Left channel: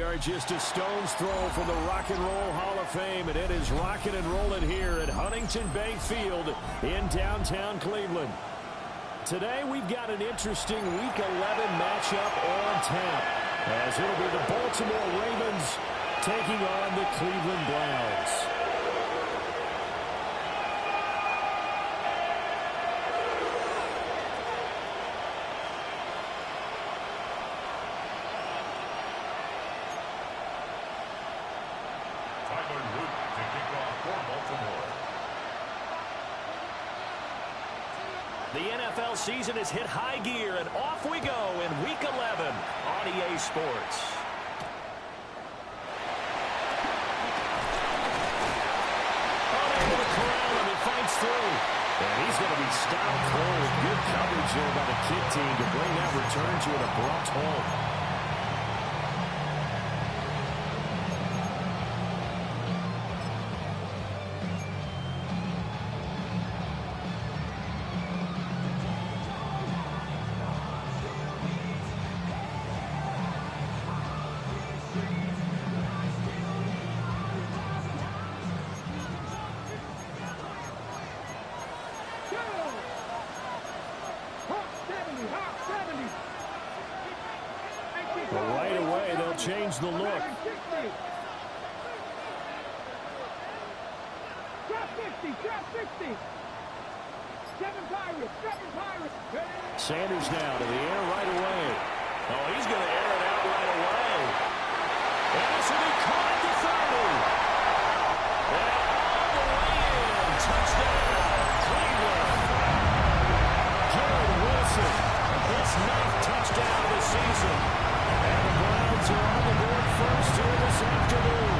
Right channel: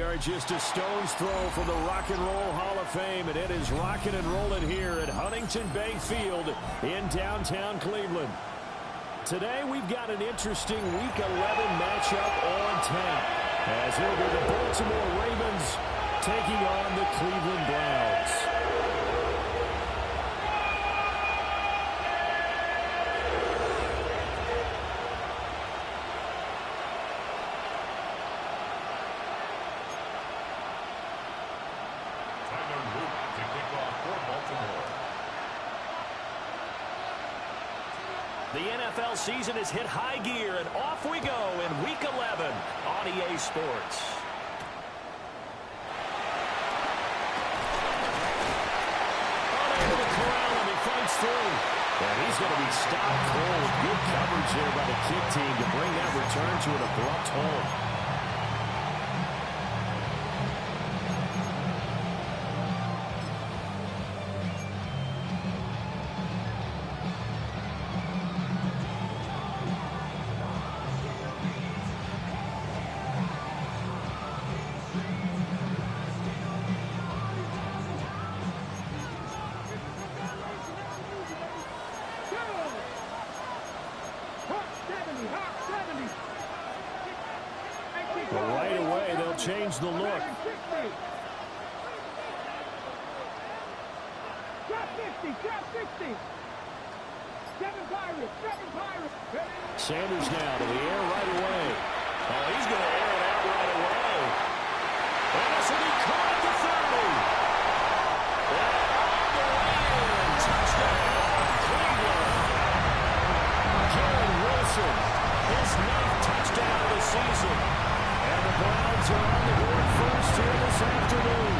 We are just a stone's throw from the Rock and Roll Hall of Fame, and it is rocking and rolling here at Huntington Bank Field in downtown Cleveland. Today we've got an interesting Week 11 matchup on tap, as it'll be the Baltimore Ravens taking on the Cleveland Browns. To kick off for Baltimore. The NFL season has hit high gear, and off we go in Week 11 on EA Sports. Unable to corral him, he fights through. And he's going to be stopped cold. Good coverage there by the kick team to bring that return to an abrupt halt. But right away, they'll change the look. Sanders now to the air right away. Oh, he's going to air it out right away. And this will be caught at the 30. And all the way in. Touchdown, Cleveland. Garrett Wilson, his 9th touchdown of the season. And the Browns are on the board first here this afternoon.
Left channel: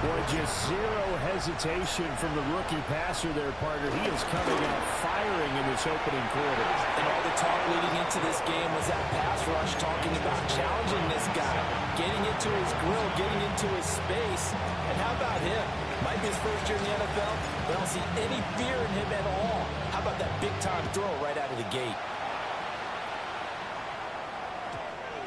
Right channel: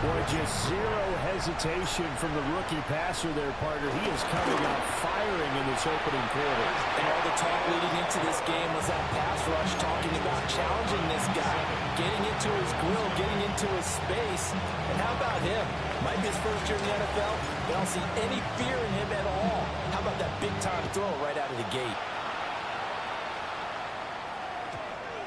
Boy, just zero hesitation from the rookie passer there, partner. He is coming out firing in this opening quarter. And all the talk leading into this game was that pass rush, talking about challenging this guy, getting into his grill, getting into his space. And how about him? Might be his first year in the NFL, but I don't see any fear in him at all. How about that big-time throw right out of the gate?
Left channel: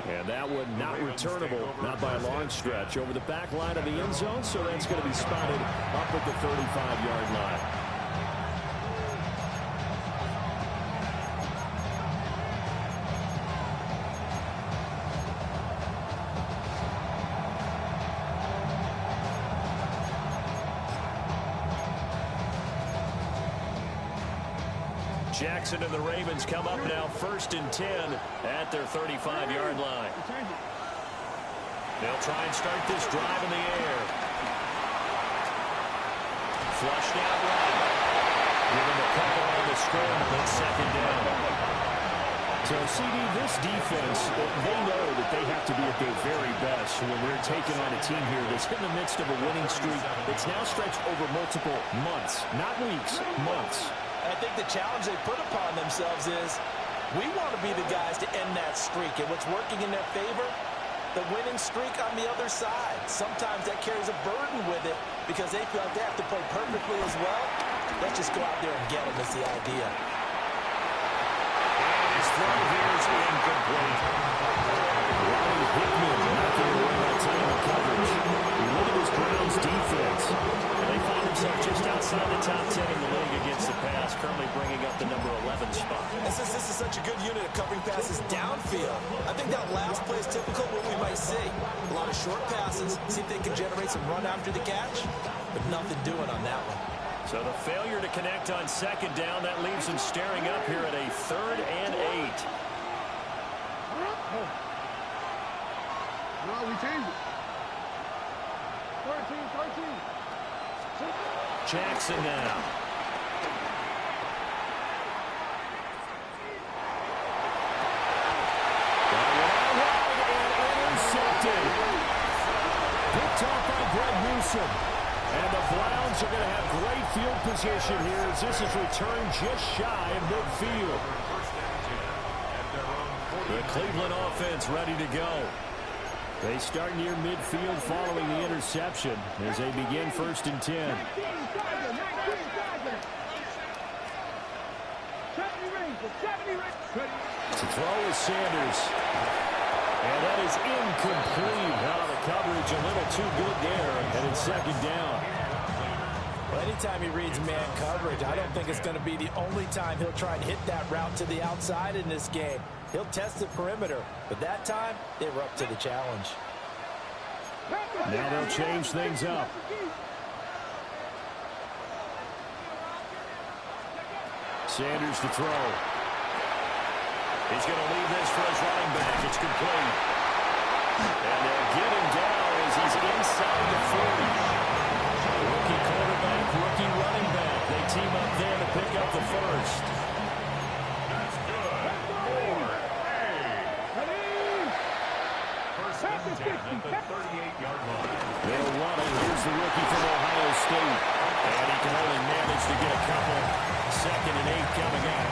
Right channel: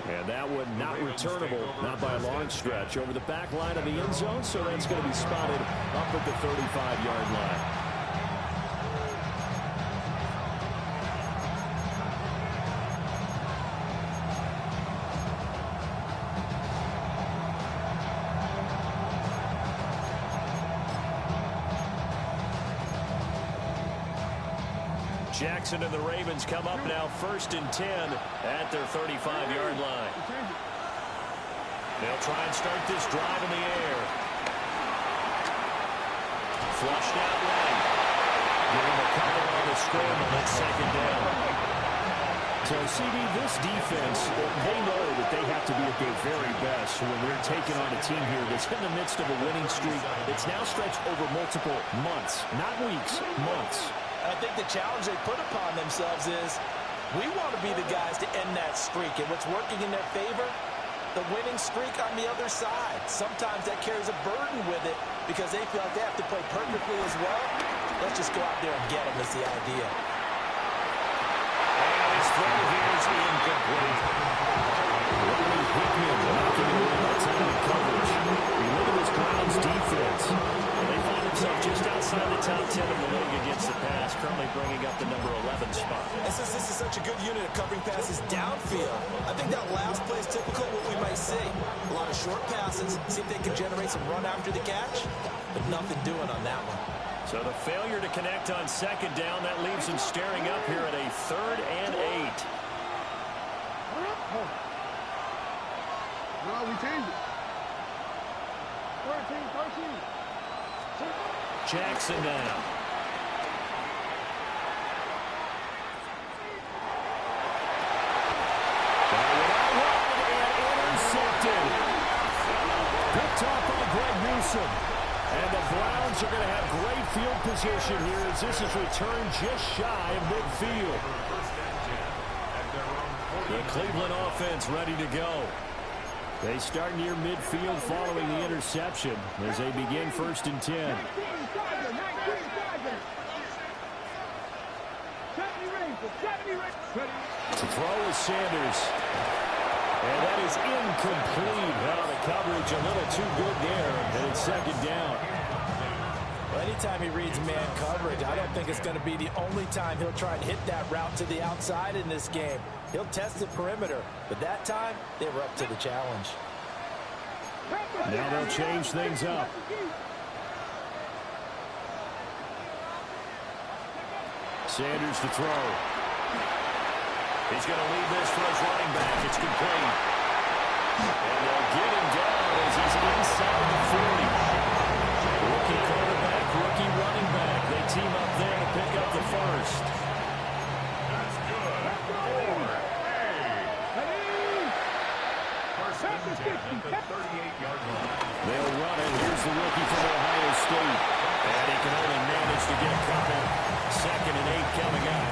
And that one not returnable, not by a long stretch, over the back line of the end zone, so that's going to be spotted up at the 35-yard line. Jackson and the Ravens come up now 1st and 10 at their 35-yard line. They'll try and start this drive in the air. Flushed out right. Give him a couple on the scramble at 2nd down. So, CD, this defense, they know that they have to be at their very best when they're taking on a team here that's in the midst of a winning streak that's now stretched over multiple months, not weeks, months. I think the challenge they put upon themselves is we want to be the guys to end that streak. And what's working in their favor? The winning streak on the other side. Sometimes that carries a burden with it because they feel like they have to play perfectly as well. Let's just go out there and get them is the idea. And his throw here is incomplete. Ronnie Hickman knocking it away by time and coverage. You look at this Browns defense, and they find themselves just outside the top 10 in the league against the pass, currently bringing up the number 11 spot. And since this is such a good unit of covering passes downfield, I think that last play is typical of what we might see. A lot of short passes, see if they can generate some run after the catch, but nothing doing on that one. So the failure to connect on 2nd down, that leaves them staring up here at a 3rd and 8. No, we changed it. 13. Jackson now. That one out wide and intercepted. Picked off by Greg Newsome. And the Browns are going to have great field position here as this is returned just shy of midfield. The Cleveland offense ready to go. They start near midfield following the interception as they begin 1st and 10. To throw is Sanders. And that is incomplete. Now the coverage a little too good there, and it's second down. Well, anytime he reads man coverage, I don't think it's going to be the only time he'll try and hit that route to the outside in this game. He'll test the perimeter, but that time they were up to the challenge. Now they'll change things up. Sanders to throw. He's going to leave this for his running back. It's complete. And they'll get him down as he's inside the 40. Rookie quarterback, rookie running back. They team up there to pick up the first. That's good. 4-8. First and 10 at the 38-yard line. They'll run it. Here's the rookie from Ohio State. And he can only manage to get a couple. Second and 8 coming up.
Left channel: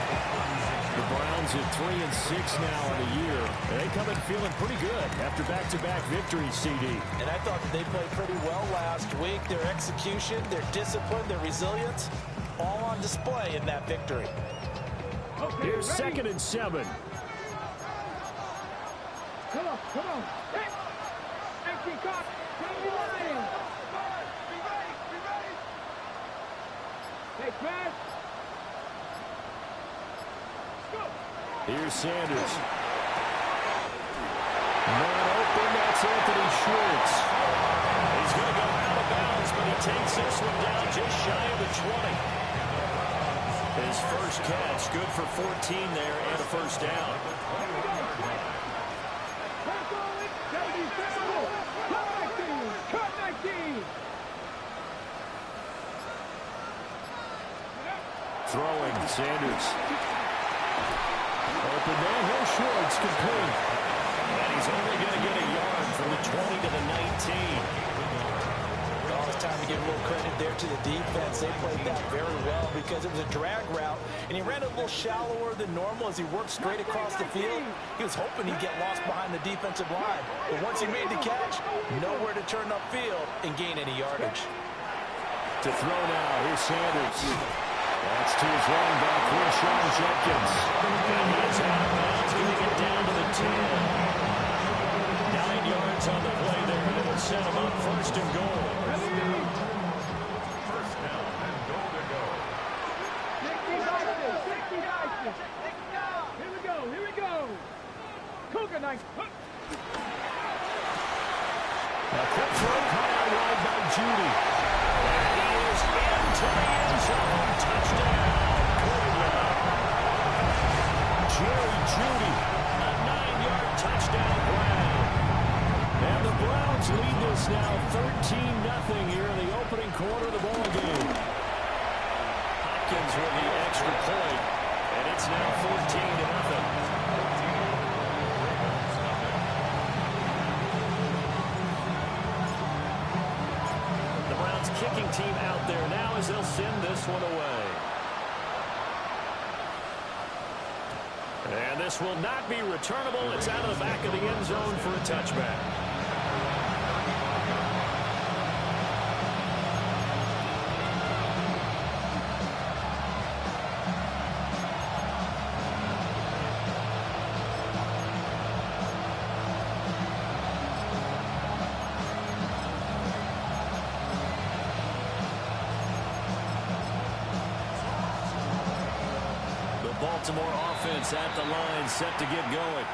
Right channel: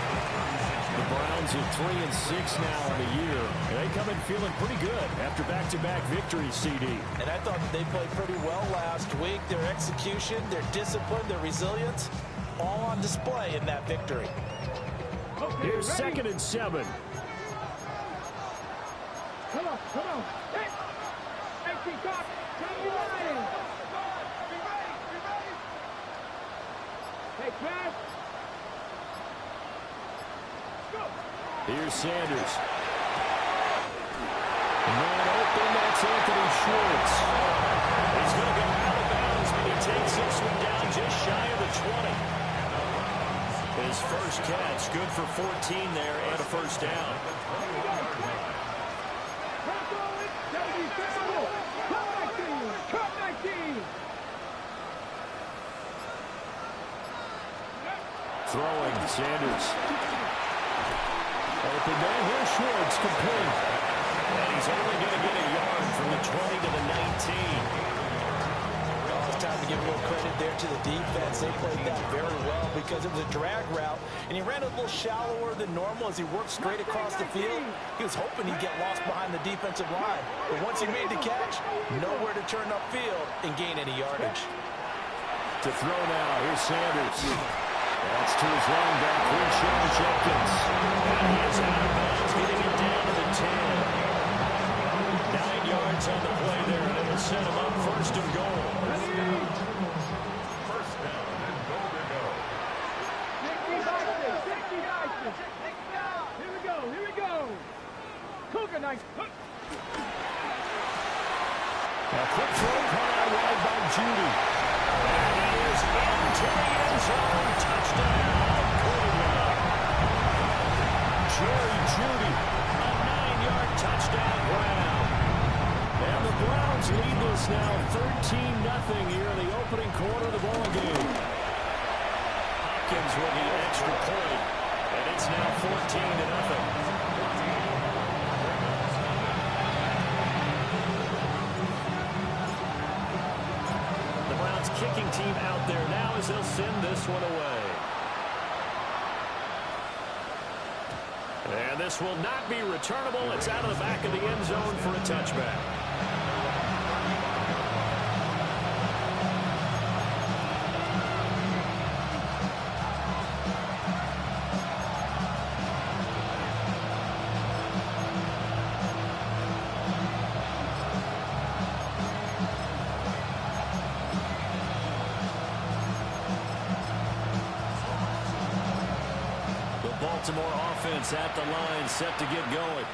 The Browns at 3-6 now in the year. And they come in feeling pretty good after back-to-back victories, CD. And I thought that they played pretty well last week. Their execution, their discipline, their resilience, all on display in that victory. Here's second and 7. Come on, come on. Hey, Peacock, take your line. Be ready, be ready. Hey, pass. Go. Here's Sanders. Man open, that's Anthony Schwartz. He's going to go out of bounds, but he takes this one down just shy of the 20. His first catch, good for 14 there and a first down. Throwing, Sanders. Open man, here's Schwartz, complete. And he's only going to get a yard from the 20 to the 19. Oh, it's time to give a little credit there to the defense. They played that very well because it was a drag route, and he ran a little shallower than normal as he worked straight across the field. He was hoping he'd get lost behind the defensive line. But once he made the catch, nowhere to turn upfield and gain any yardage. To throw now, here's Sanders. That's to his running back, Quinshon Judkins. And he is out of bounds, getting it down to the 10. 9 yards on the play there, and it'll set him up first and goal. First down and goal to go. Here we go, here we go. Cougar knife. A quick throw caught out wide by Judy. And he is into the end zone. Touchdown, Cleveland. Jerry Judy, a 9-yard touchdown grab. And the Browns lead this now 13-0 here in the opening quarter of the ball game. Hopkins with the extra point, and it's now 14-0. Kicking team out there now as they'll send this one away. And this will not be returnable. It's out of the back of the end zone for a touchback. Baltimore offense at the line, set to get going.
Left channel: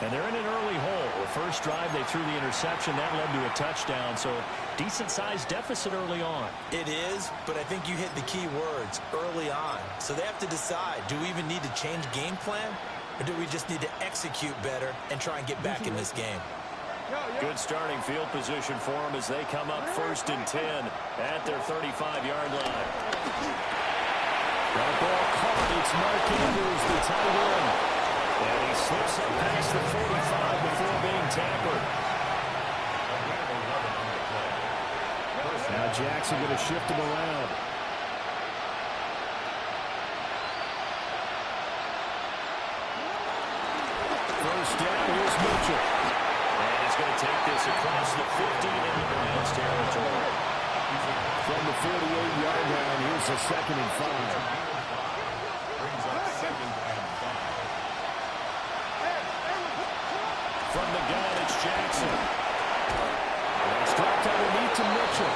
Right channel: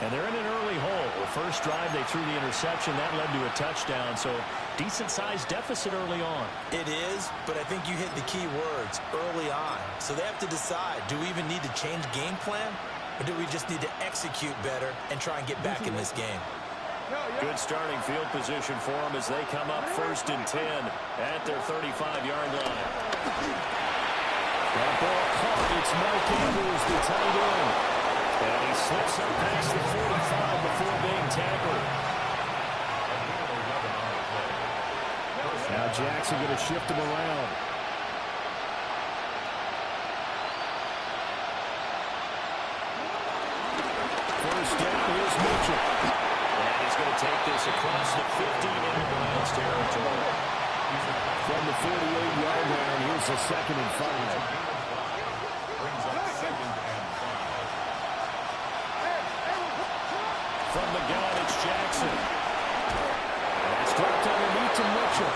And they're in an early hole. The first drive, they threw the interception. That led to a touchdown, so decent-sized deficit early on. It is, but I think you hit the key words, early on. So they have to decide, do we even need to change game plan, or do we just need to execute better and try and get back in this game? Good starting field position for them as they come up first and 10 at their 35-yard line. That ball caught. It's Mark Andrews, the tight end. And he slips up past the 45 before being tackled. Now Jackson going to shift him around. First down, here's Mitchell. And he's going to take this across the 50 into Browns territory. From the 48-yard line, here's the 2nd and 5. Brings up 2nd and 5. From the gun, it's Jackson. And that's dropped underneath to Mitchell.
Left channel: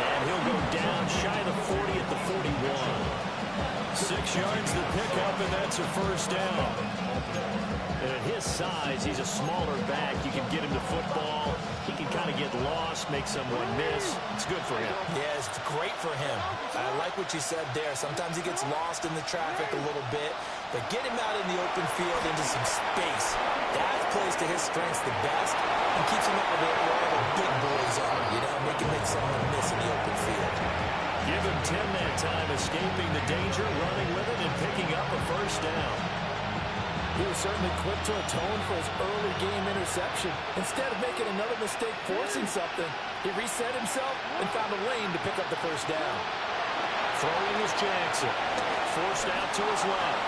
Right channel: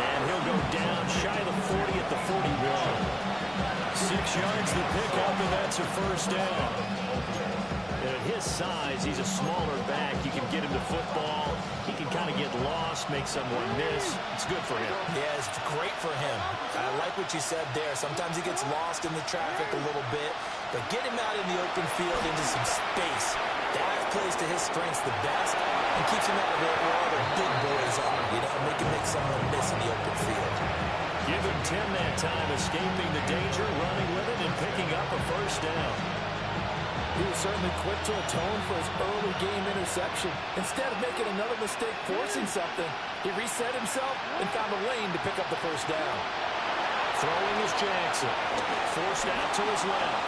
And he'll go down shy of the 40 at the 41. 6 yards to pick up, and that's a first down. And at his size, he's a smaller back. You can get him to football. He can kind of get lost, make someone miss. It's good for him. Yeah, it's great for him. I like what you said there. Sometimes he gets lost in the traffic a little bit, but get him out in the open field into some space. That plays to his strengths the best and keeps him out of it where all the big boys are. You know, make someone miss in the open field. Give him 10 that time, escaping the danger, running with it, and picking up a first down. He was certainly quick to atone for his early game interception. Instead of making another mistake forcing something, he reset himself and found a lane to pick up the first down. Throwing is Jackson. Forced out to his left.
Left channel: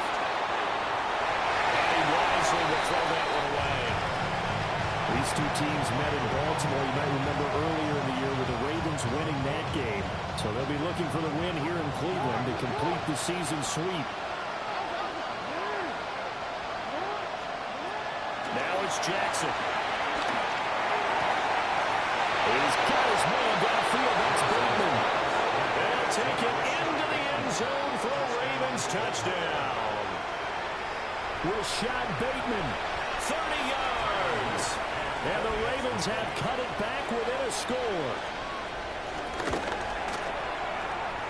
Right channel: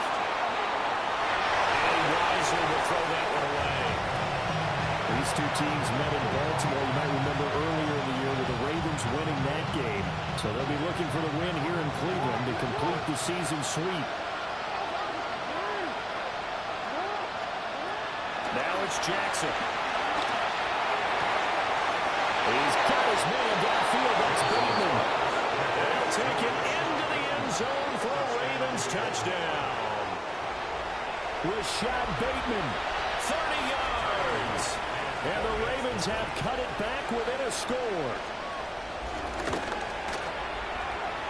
And he wisely will throw that one away. These two teams met in Baltimore. You might remember earlier in the year with the Ravens winning that game. So they'll be looking for the win here in Cleveland to complete the season sweep. Now it's Jackson. He's got his man downfield. That's Bateman. They'll take it into the end zone for a Ravens touchdown. Rashad Bateman, 30 yards. And the Ravens have cut it back within a score.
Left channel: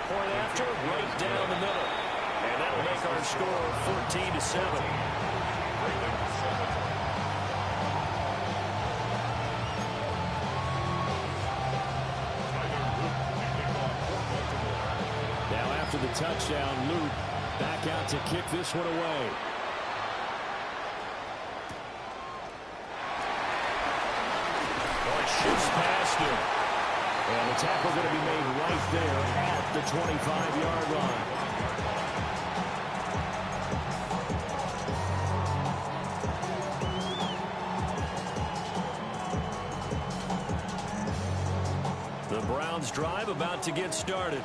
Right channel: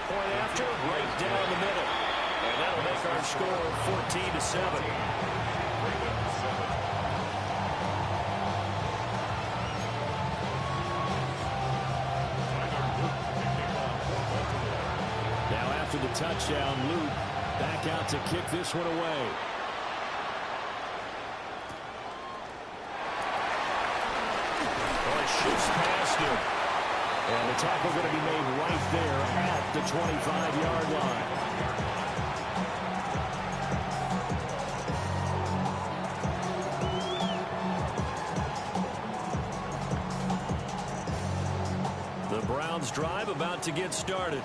Point after, right down the middle. And that'll make our score 14-7. Ravens 7. Now after the touchdown, Luke back out to kick this one away. Oh, it shifts past him. And the tackle going to be made right there at the 25-yard line. The Browns drive about to get started.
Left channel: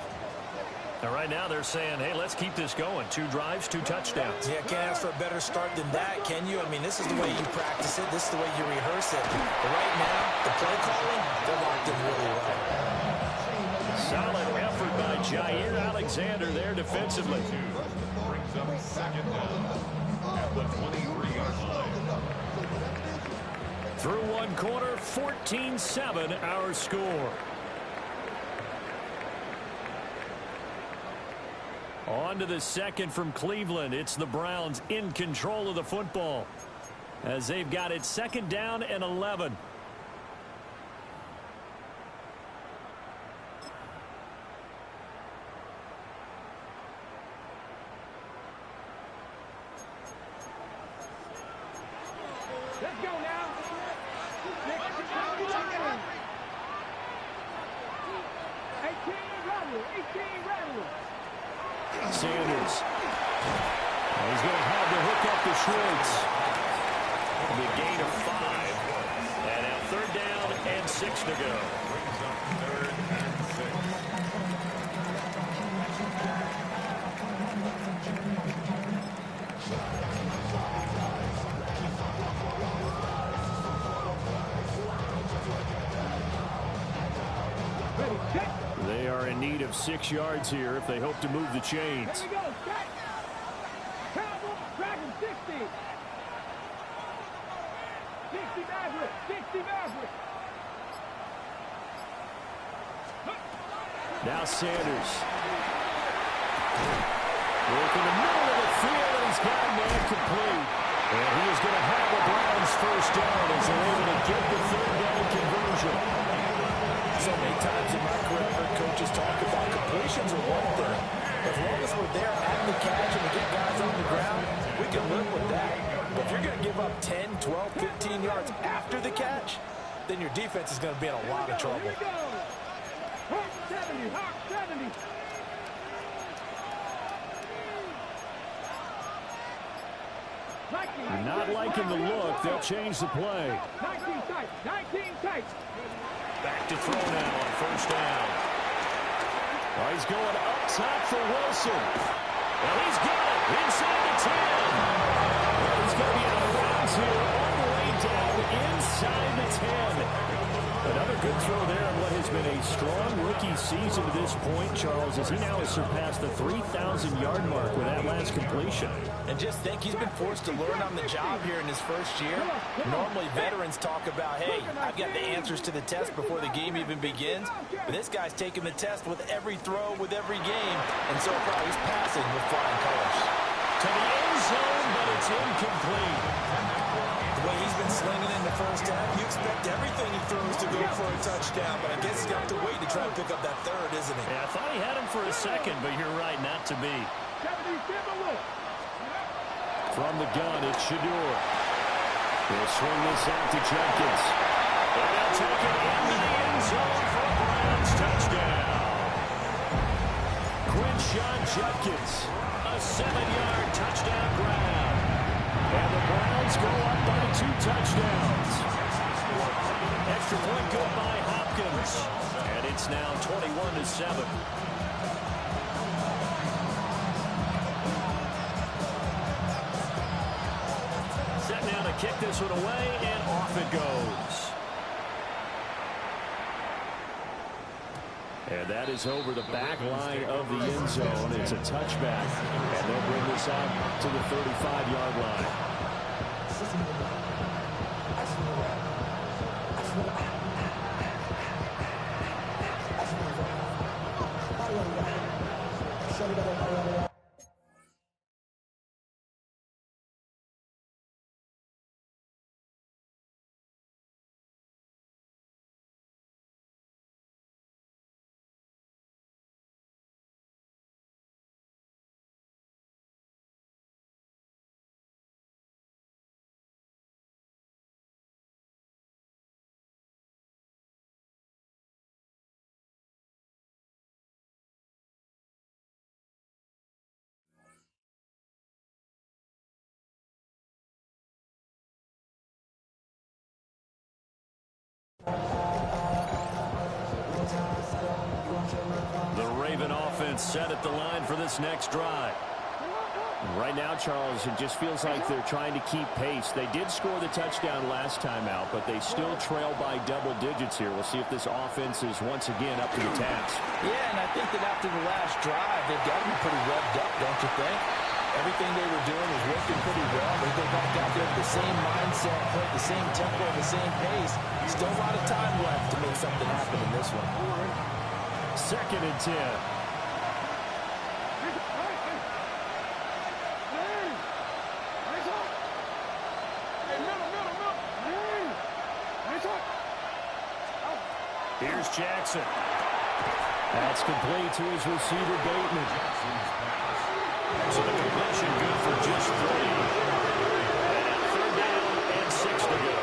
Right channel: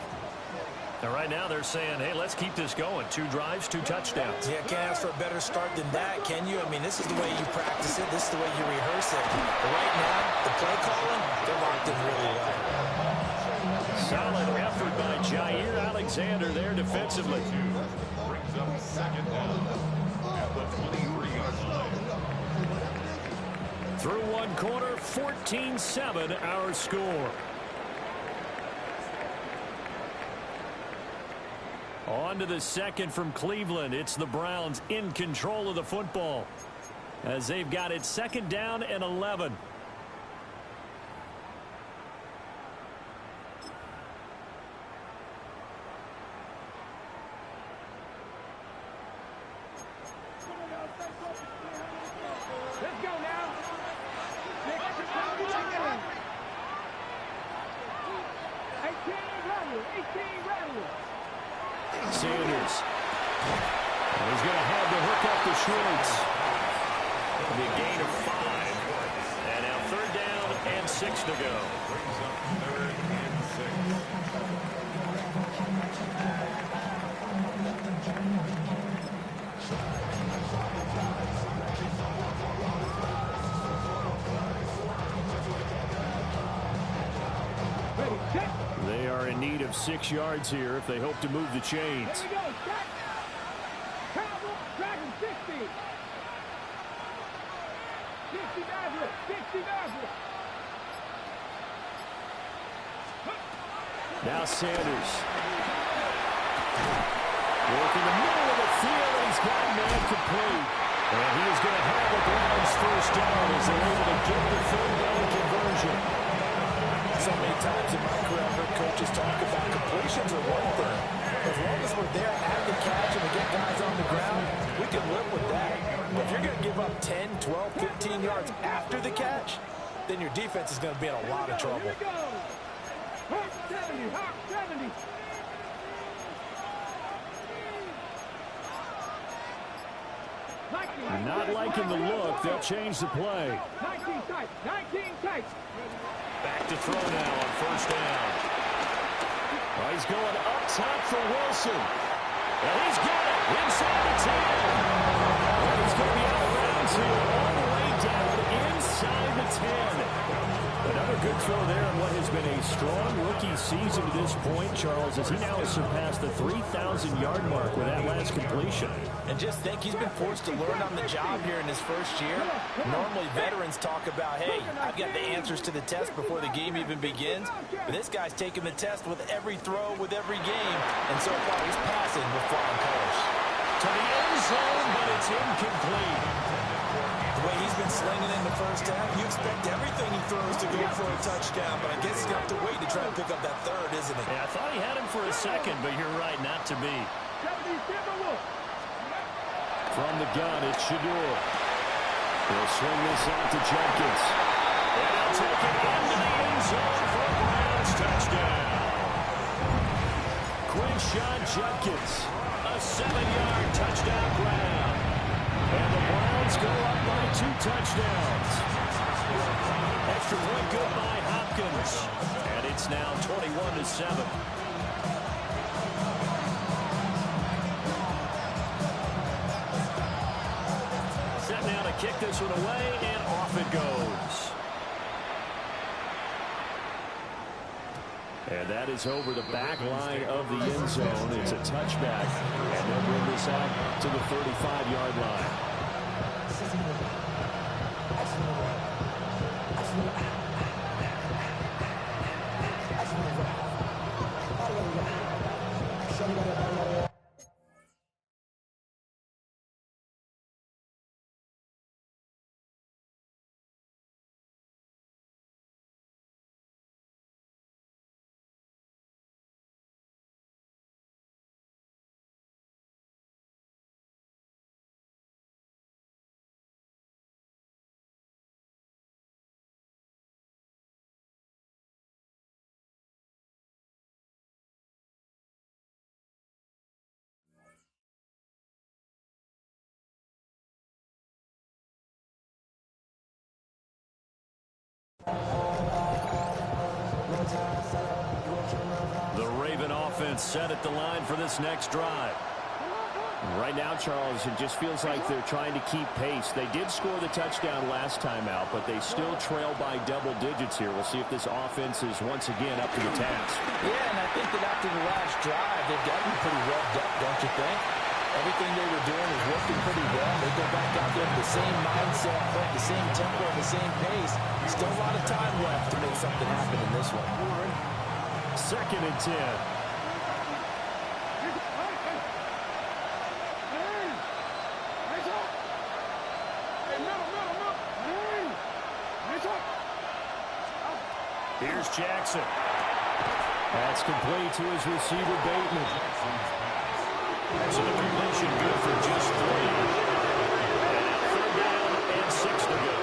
And right now they're saying, hey, let's keep this going. 2 drives, 2 touchdowns. Yeah, can't ask for a better start than that, can you? I mean, this is the way you practice it. This is the way you rehearse it. But right now, the play calling, they're locked in really well. Solid effort by Jair Alexander there defensively. Brings up second down at the 23-yard line. Through one quarter, 14-7 our score. On to the second from Cleveland. It's the Browns in control of the football as they've got it second down and 11. Let's go now. 18 rattle. Sanders. And he's going to have to hook up to Schwartz. It'll be a gain of 5. And now 3rd down and 6 to go. Brings up 3rd and 6. Ready, set. They are in need of 6 yards here if they hope to move the chains. Here we go, set. Cowboy, Dragon 60. 60 Maverick, 60 Maverick. Now Sanders. Working the middle of the field, and he's got a man complete. And he is going to have a Browns first down as they're able to get the 3rd down conversion. So many times in my career, I've heard coaches talk about completions are one thing. As long as we're there at the catch and we get guys on the ground, we can live with that. But if you're going to give up 10, 12, 15 yards after the catch, then your defense is going to be in a lot of trouble. Here we go. Hawk 70, Hawk 70. You're not liking the look. They'll change the play. 19 tight, 19 tight. Back to throw now on 1st down. Well, he's going up top for Wilson. And he's got it inside the 10. Well, he's going to be out of bounds here all the way down inside the 10. Another good throw there on what has been a strong rookie season to this point, Charles, as he now has surpassed the 3,000-yard mark with that last completion. And just think, he's been forced to learn on the job here in his first year. Normally, veterans talk about, hey, I've got the answers to the test before the game even begins. But this guy's taking the test with every throw, with every game. And so far, he's passing with flying colors. To the end zone, but it's incomplete. The way he's been slinging in the first half, you expect everything he throws to go for a touchdown, but I guess he's got to wait to try and pick up that third, isn't he? Yeah, I thought he had him for a second, but you're right, not to be. From the gun, it's Sheduer. He'll swing this out to Judkins. And he'll take it into the end zone for a Browns touchdown. Quinshon Judkins, a 7-yard touchdown grab. And the Browns go up by 2 touchdowns. Extra point good by Hopkins. And it's now 21-7. Set now to kick this one away, and off it goes. And that is over the back line of the end zone. It's a touchback, and they'll bring this out to the 35-yard line. The Raven offense set at the line for this next drive. Right now, Charles, it just feels like they're trying to keep pace. They did score the touchdown last time out, but they still trail by double digits here. We'll see if this offense is once again up to the task. Yeah, and I think that after the last drive, they've got to be pretty revved up, don't you think? Everything they were doing was working pretty well. They go back out there with the same mindset, play at the same tempo, the same pace. Still a lot of time left to make something happen in this one. 2nd and 10. Here's Jackson. That's complete to his receiver, Bateman. So the completion good for just 3. And 3rd down and 6 to go.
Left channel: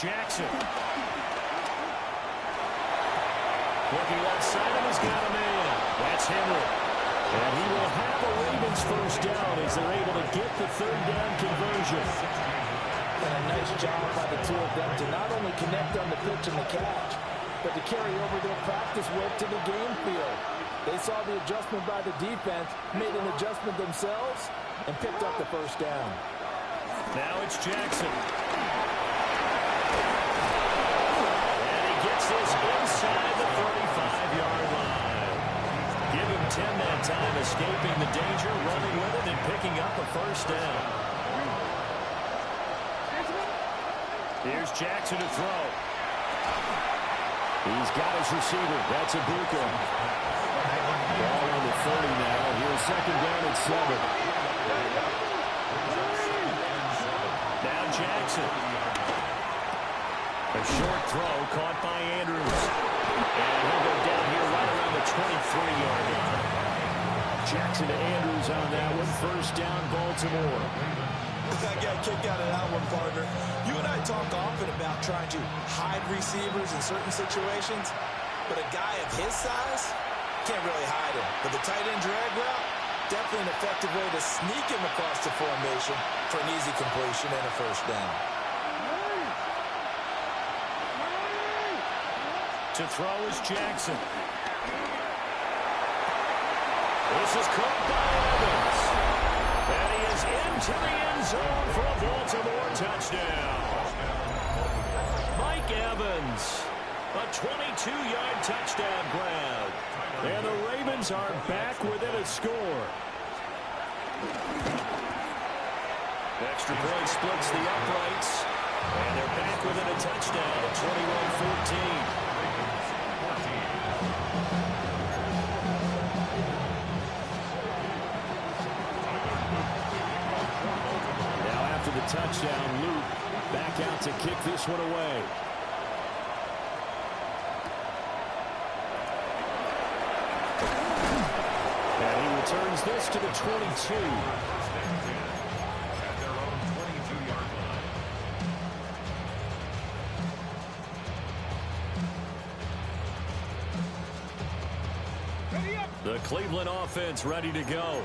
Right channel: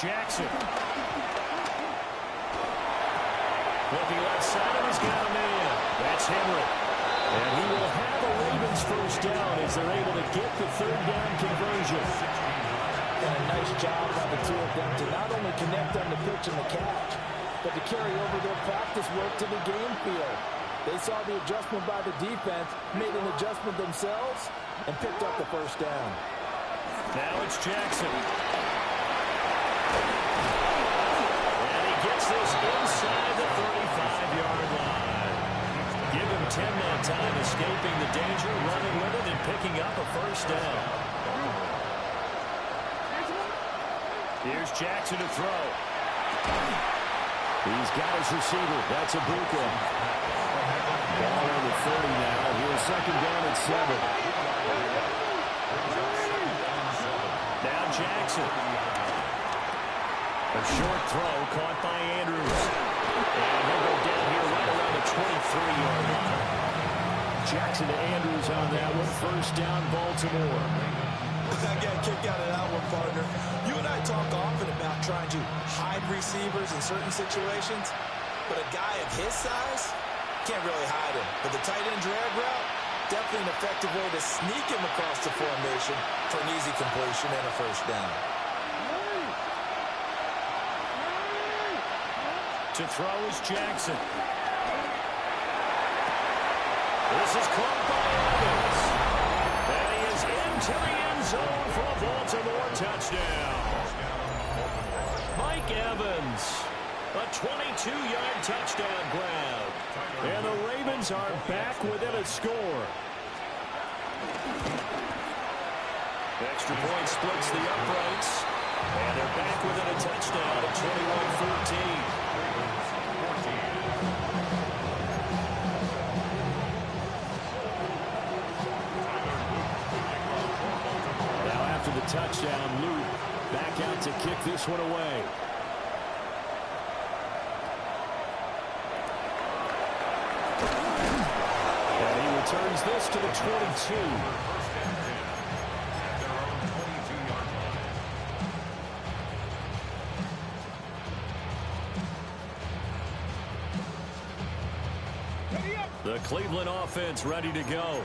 Jackson. Looking left side, and he's got a man. That's Henry. And he will have a Ravens first down as they're able to get the 3rd down conversion. And a nice job by the two of them to not only connect on the pitch and the catch, but to carry over their practice work to the game field. They saw the adjustment by the defense, made an adjustment themselves, and picked up the first down. Now it's Jackson. And he gets this inside the 35-yard line. Give him 10 that time, escaping the danger, running with it, and picking up a first down. Here's Jackson to throw. He's got his receiver. That's Ibuka. Ball on the 30 now. Here's 2nd down at 7. Now Jackson. A short throw caught by Andrews. And he'll go down here right around the 23-yard line. Jackson to Andrews on that one. First down, Baltimore. I got a kick out of that one, partner. You and I talk often about trying to hide receivers in certain situations, but a guy of his size can't really hide him. But the tight end drag route, definitely an effective way to sneak him across the formation for an easy completion and a first down. To throw is Jackson. This is caught by Evans. he is into the end zone for a Baltimore touchdown. Mike Evans, a 22-yard touchdown grab. And the Ravens are back within a score. Extra point splits the uprights. And they're back within a touchdown at 21-14. Now after the touchdown, Luke back out to kick this one away. And he returns this to the 22. The Cleveland offense ready to go.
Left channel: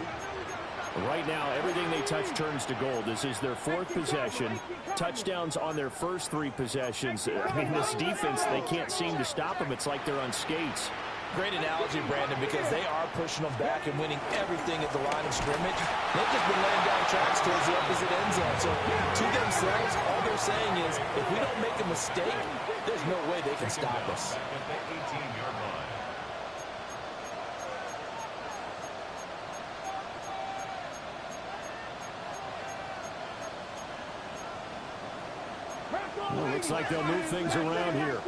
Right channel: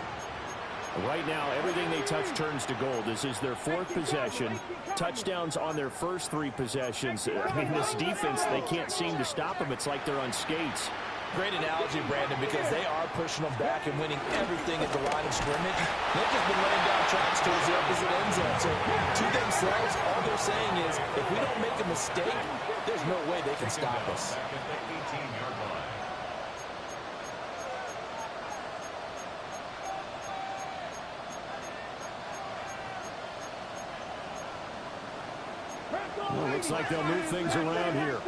Right now, everything they touch turns to gold. This is their fourth possession. Touchdowns on their first three possessions. I mean, this defense, they can't seem to stop them. It's like they're on skates. Great analogy, Brandon, because they are pushing them back and winning everything at the line of scrimmage. They've just been laying down tracks towards the opposite end zone. So to themselves, all they're saying is, if we don't make a mistake, there's no way they can stop us. Back at the 18-yard line. Well, looks like they'll move things around here.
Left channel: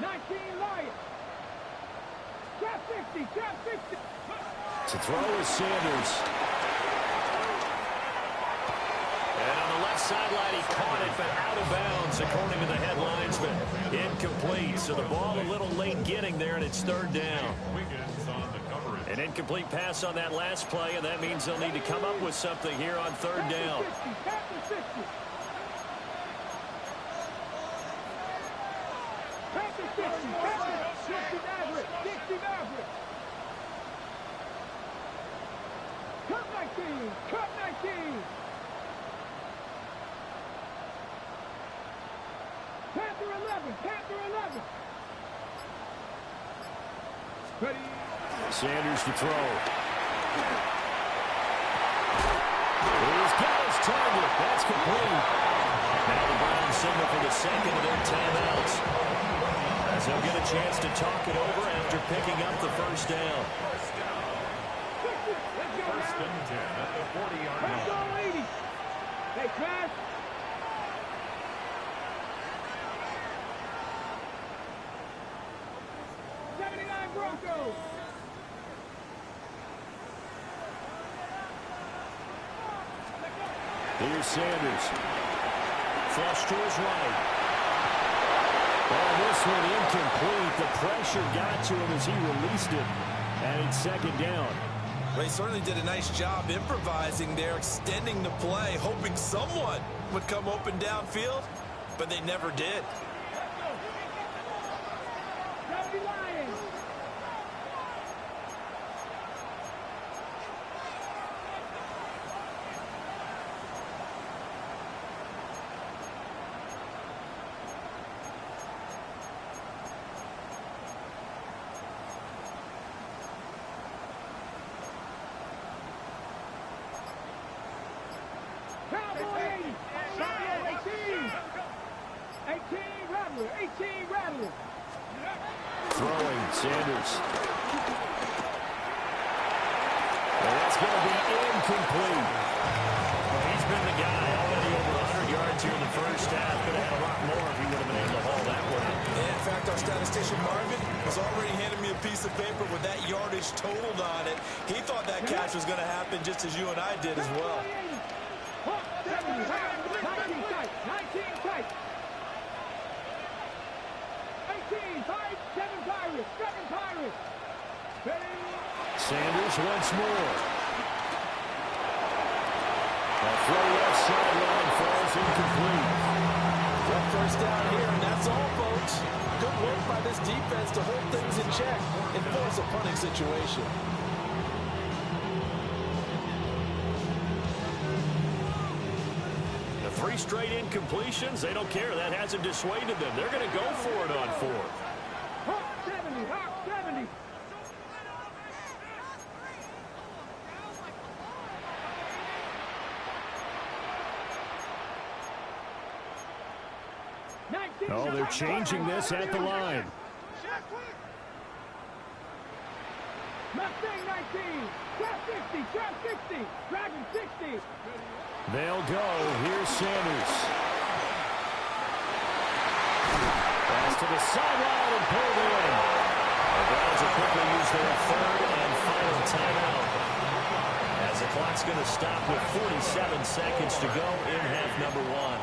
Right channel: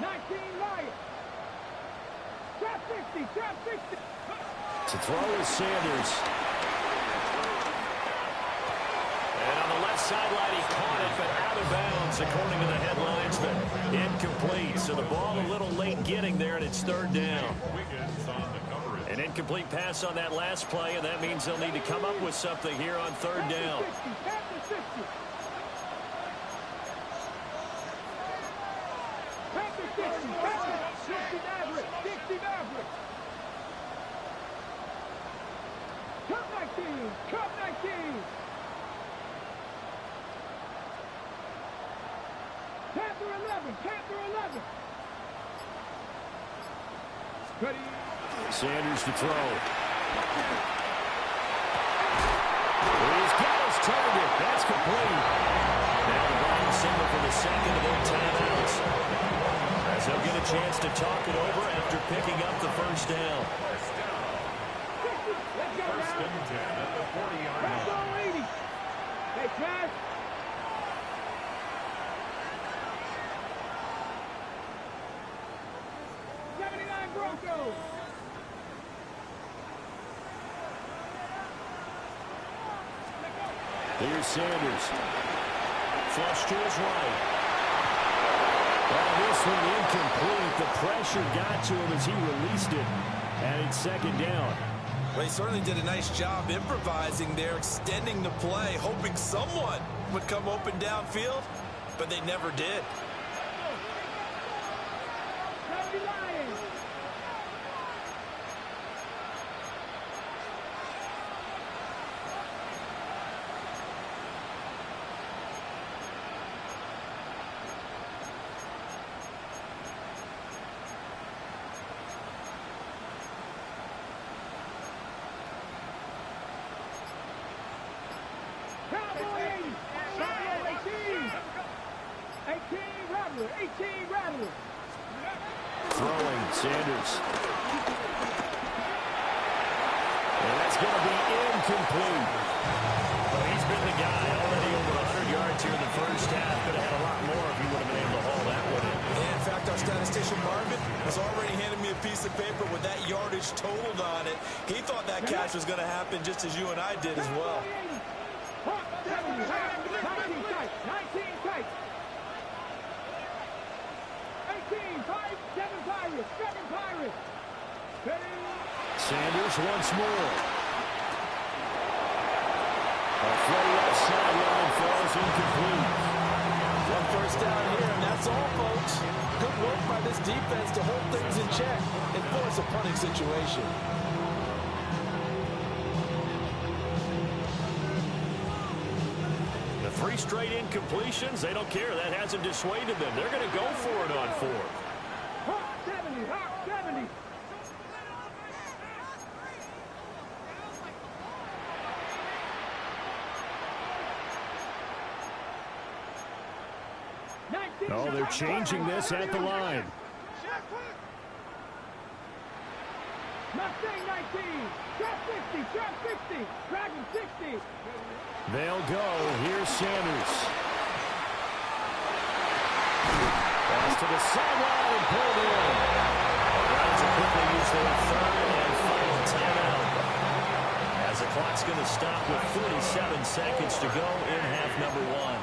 19 Lions. Trap 60, trap 60. To throw is Sanders. And on the left sideline, he caught it, but out of bounds, according to the headlines, but incomplete. So the ball a little late getting there, and it's third down. An incomplete pass on that last play, and that means they'll need to come up with something here on third down. 60 Maverick. Cut 19. Cut 19. Panther 11. Panther 11. Ready. Sanders to throw. He's got his target. That's complete. Now the Browns signal for the second of their timeouts, as they'll get a chance to talk it over after picking up the first down. First and 10 at the 40-yard line. 80. Hey, Trash. Broncos. Here's Sanders. Flush to his right. Oh, this one incomplete. The pressure got to him as he released it. And it's second down. Well, he certainly did a nice job improvising there, extending the play, hoping someone would come open downfield, but they never did. Throwing, Sanders. And that's going to be incomplete. Well, he's been the guy already over 100 yards here in the first half. Could have had a lot more if he would have been able to haul that one in. In fact, our statistician Marvin was already handing me a piece of paper with that yardage totaled on it. He thought that catch was going to happen just as you and I did as well. 19 tight. 19 tight. 18, 5, 7 Pirates. 7 Pirates. Sanders once more. A throw left sideline falls incomplete. Well, first down here, and that's all, folks. Good work by this defense to hold things in check and force a punting situation. The 3 straight incompletions, they don't care. That hasn't dissuaded them. They're going to go for it on 4th. Hawk 70, Hawk 70. Oh, they're changing this at the line. Mustang 19, trap 60, trap 60, Dragon 60. They'll go. Here's Sanders. Pass to the sideline and pulled in. The Browns will quickly use their third and final timeout, as the clock's going to stop with 47 seconds to go in half number one.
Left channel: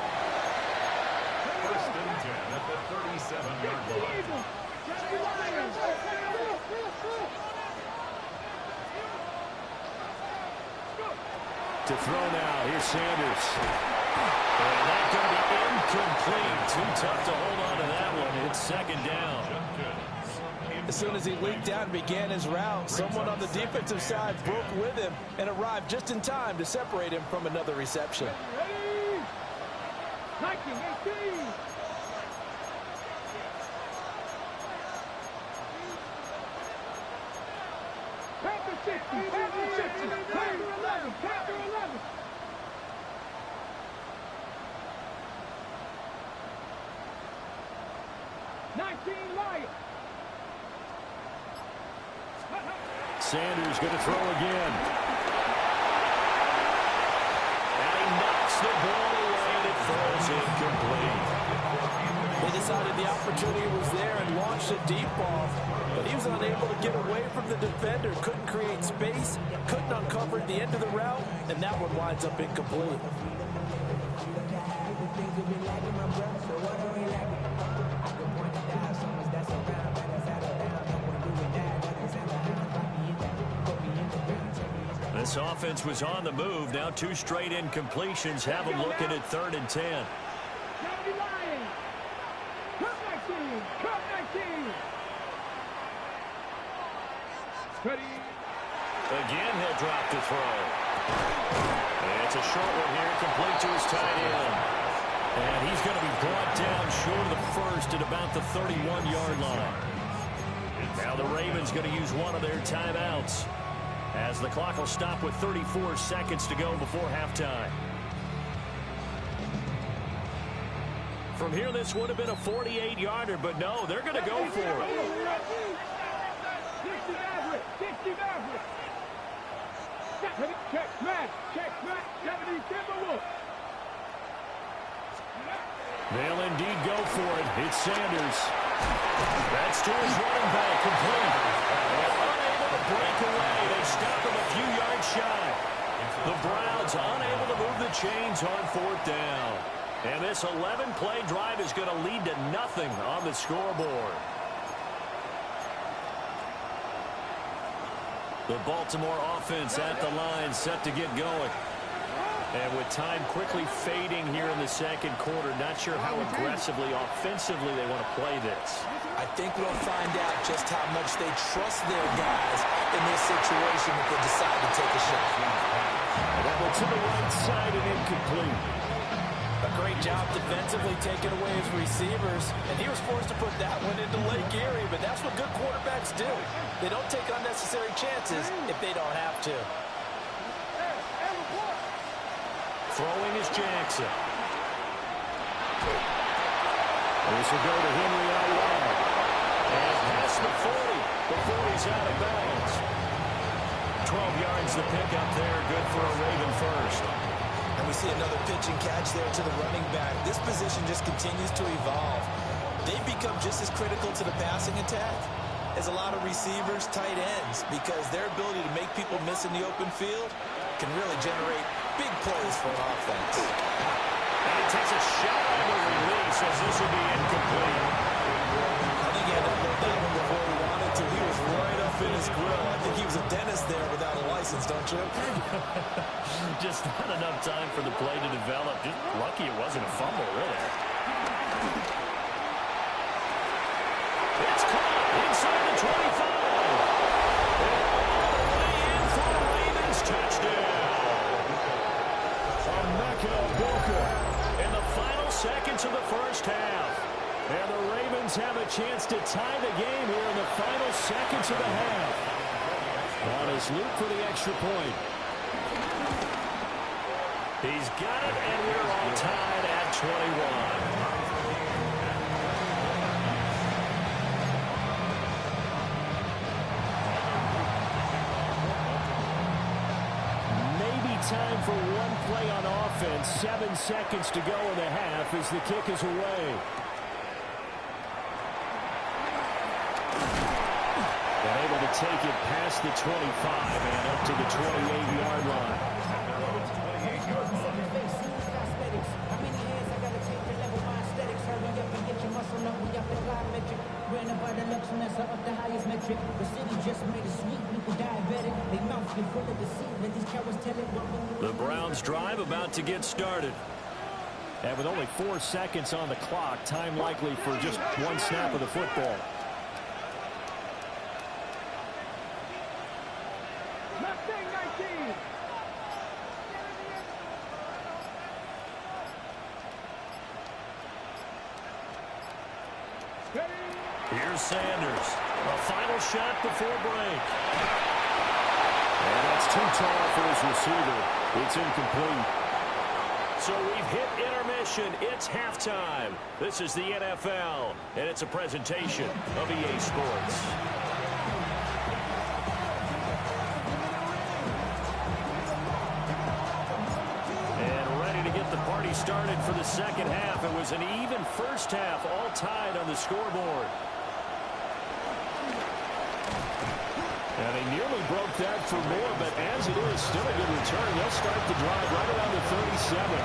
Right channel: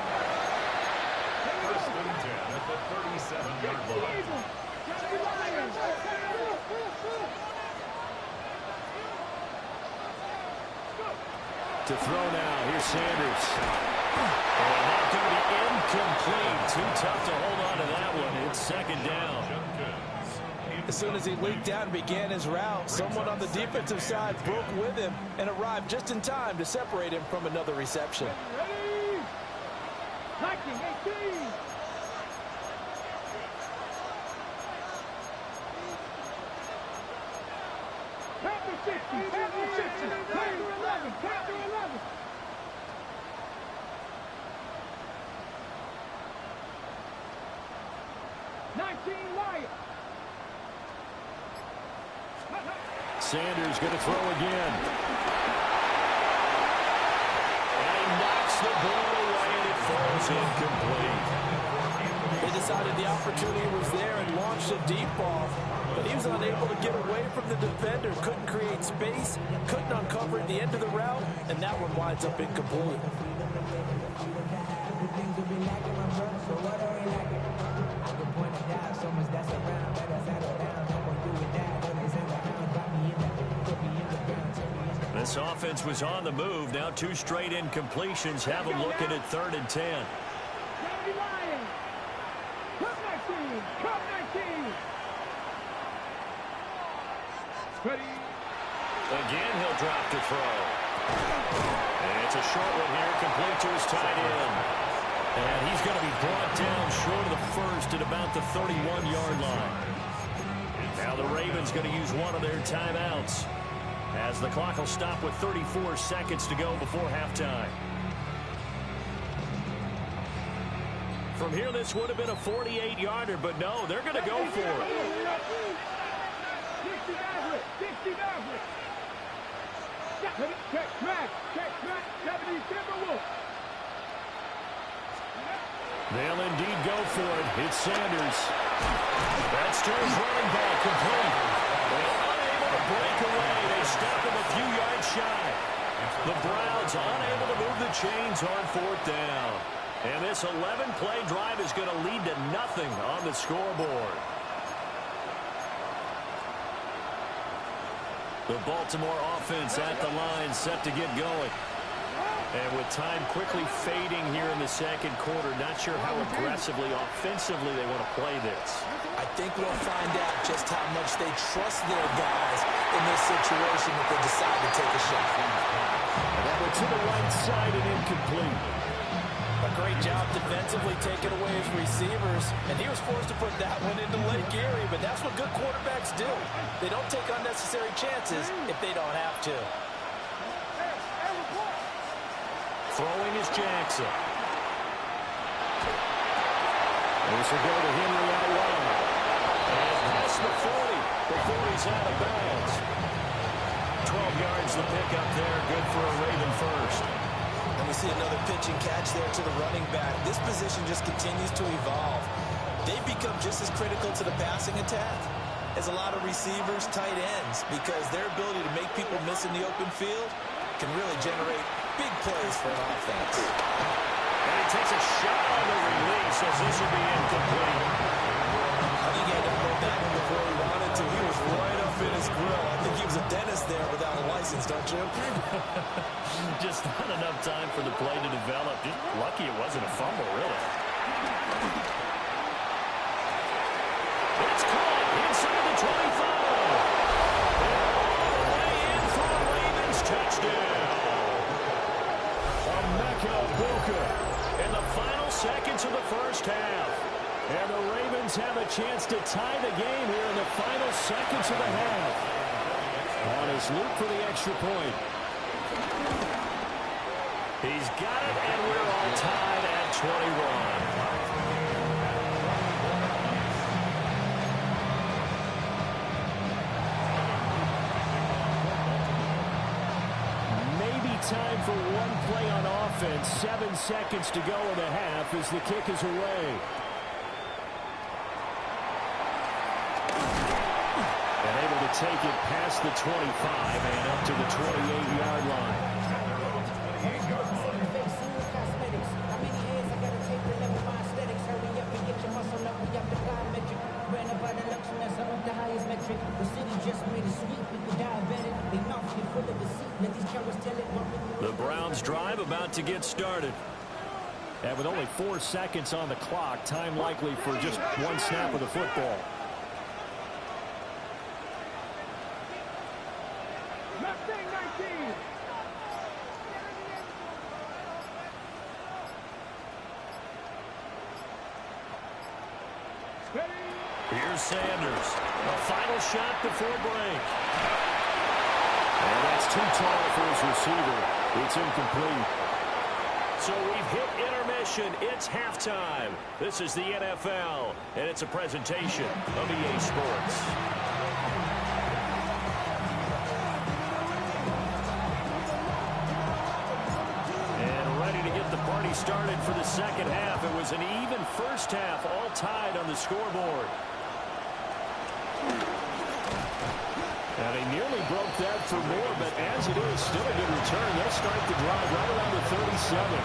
First and 10 at the 37-yard line. To throw now. Here's Sanders. And that's going to be incomplete. Too tough to hold on to that one. It's second down. As soon as he leaked out and began his route, someone on the defensive side broke with him and arrived just in time to separate him from another reception. Ready? 1918. Panther 60, Panther 60, Panther 11, Panther 11. Lion. Sanders going to throw again. And he knocks the ball away, and it falls incomplete. They decided the opportunity was there and launched a deep ball, but he was unable to get away from the defender, couldn't create space, couldn't uncover at the end of the route, and that one winds up incomplete. This offense was on the move. Now two straight incompletions have them looking at 3rd and 10. Cup 19. Ready. Again, he'll drop to throw. And it's a short one here, complete to his tight end. And he's going to be brought down short of the first at about the 31-yard line. Now the Ravens going to use one of their timeouts, as the clock will stop with 34 seconds to go before halftime. From here, this would have been a 48-yarder, but no, they're going to go for it. 60 Maverick, 60 Maverick. Check, smash, 70 Timberwolves. They'll indeed go for it. It's Sanders. That's to his running back, complete. And unable to break away. They stop him a few yards shy. The Browns unable to move the chains on 4th down. And this 11-play drive is going to lead to nothing on the scoreboard. The Baltimore offense at the line, set to get going. And with time quickly fading here in the second quarter, not sure how aggressively, offensively they want to play this. I think we'll find out just how much they trust their guys in this situation if they decide to take a shot. And that one to the right side and incomplete. A great job defensively taking away his receivers, and he was forced to put that one into Lake Erie, but that's what good quarterbacks do. They don't take unnecessary chances if they don't have to. Throwing is Jackson. This will go to Henry out wide. And past the 40 before he's out of bounds. 12 yards the pickup there. Good for a Raven first. And we see another pitch and catch there to the running back. This position just continues to evolve. They've become just as critical to the passing attack as a lot of receivers, tight ends, because their ability to make people miss in the open field can really generate big plays for an offense. And he takes a shot on the release, as this will be incomplete. I think he had to upload that one before he wanted to. He was right up in his grill. I think he was a dentist there without a license, don't you? Just not enough time for the play to develop. Just lucky it wasn't a fumble, really. It's caught inside the 25. And all the way in for a Ravens touchdown. In the final seconds of the first half. And the Ravens have a chance to tie the game here in the final seconds of the half. On his loop for the extra point. He's got it, and we're all tied at 21. time for one play on offense. 7 seconds to go in the half as the kick is away. And able to take it past the 25 and up to the 28-yard line. At their own 28-yard line. How many hands I gotta take to level my aesthetics? Hurry up and get your muscle up. We up the plyometric. Ran up by the luxury, so up the highest metric. The city just made it sweet. People diabetic. They mouth get full of deceit. Let these cowards tell it. The Browns drive about to get started. And with only 4 seconds on the clock, time likely for just one snap of the football. Mustang 19. Here's Sanders. A final shot before break. And that's too tall for his receiver. It's incomplete. So we've hit intermission. It's halftime. This is the NFL, and it's a presentation of EA Sports. And ready to get the party started for the second half. It was an even first half, all tied on the scoreboard. And they nearly broke that for more, but as it is, still a good return. They'll start the drive right around the 37.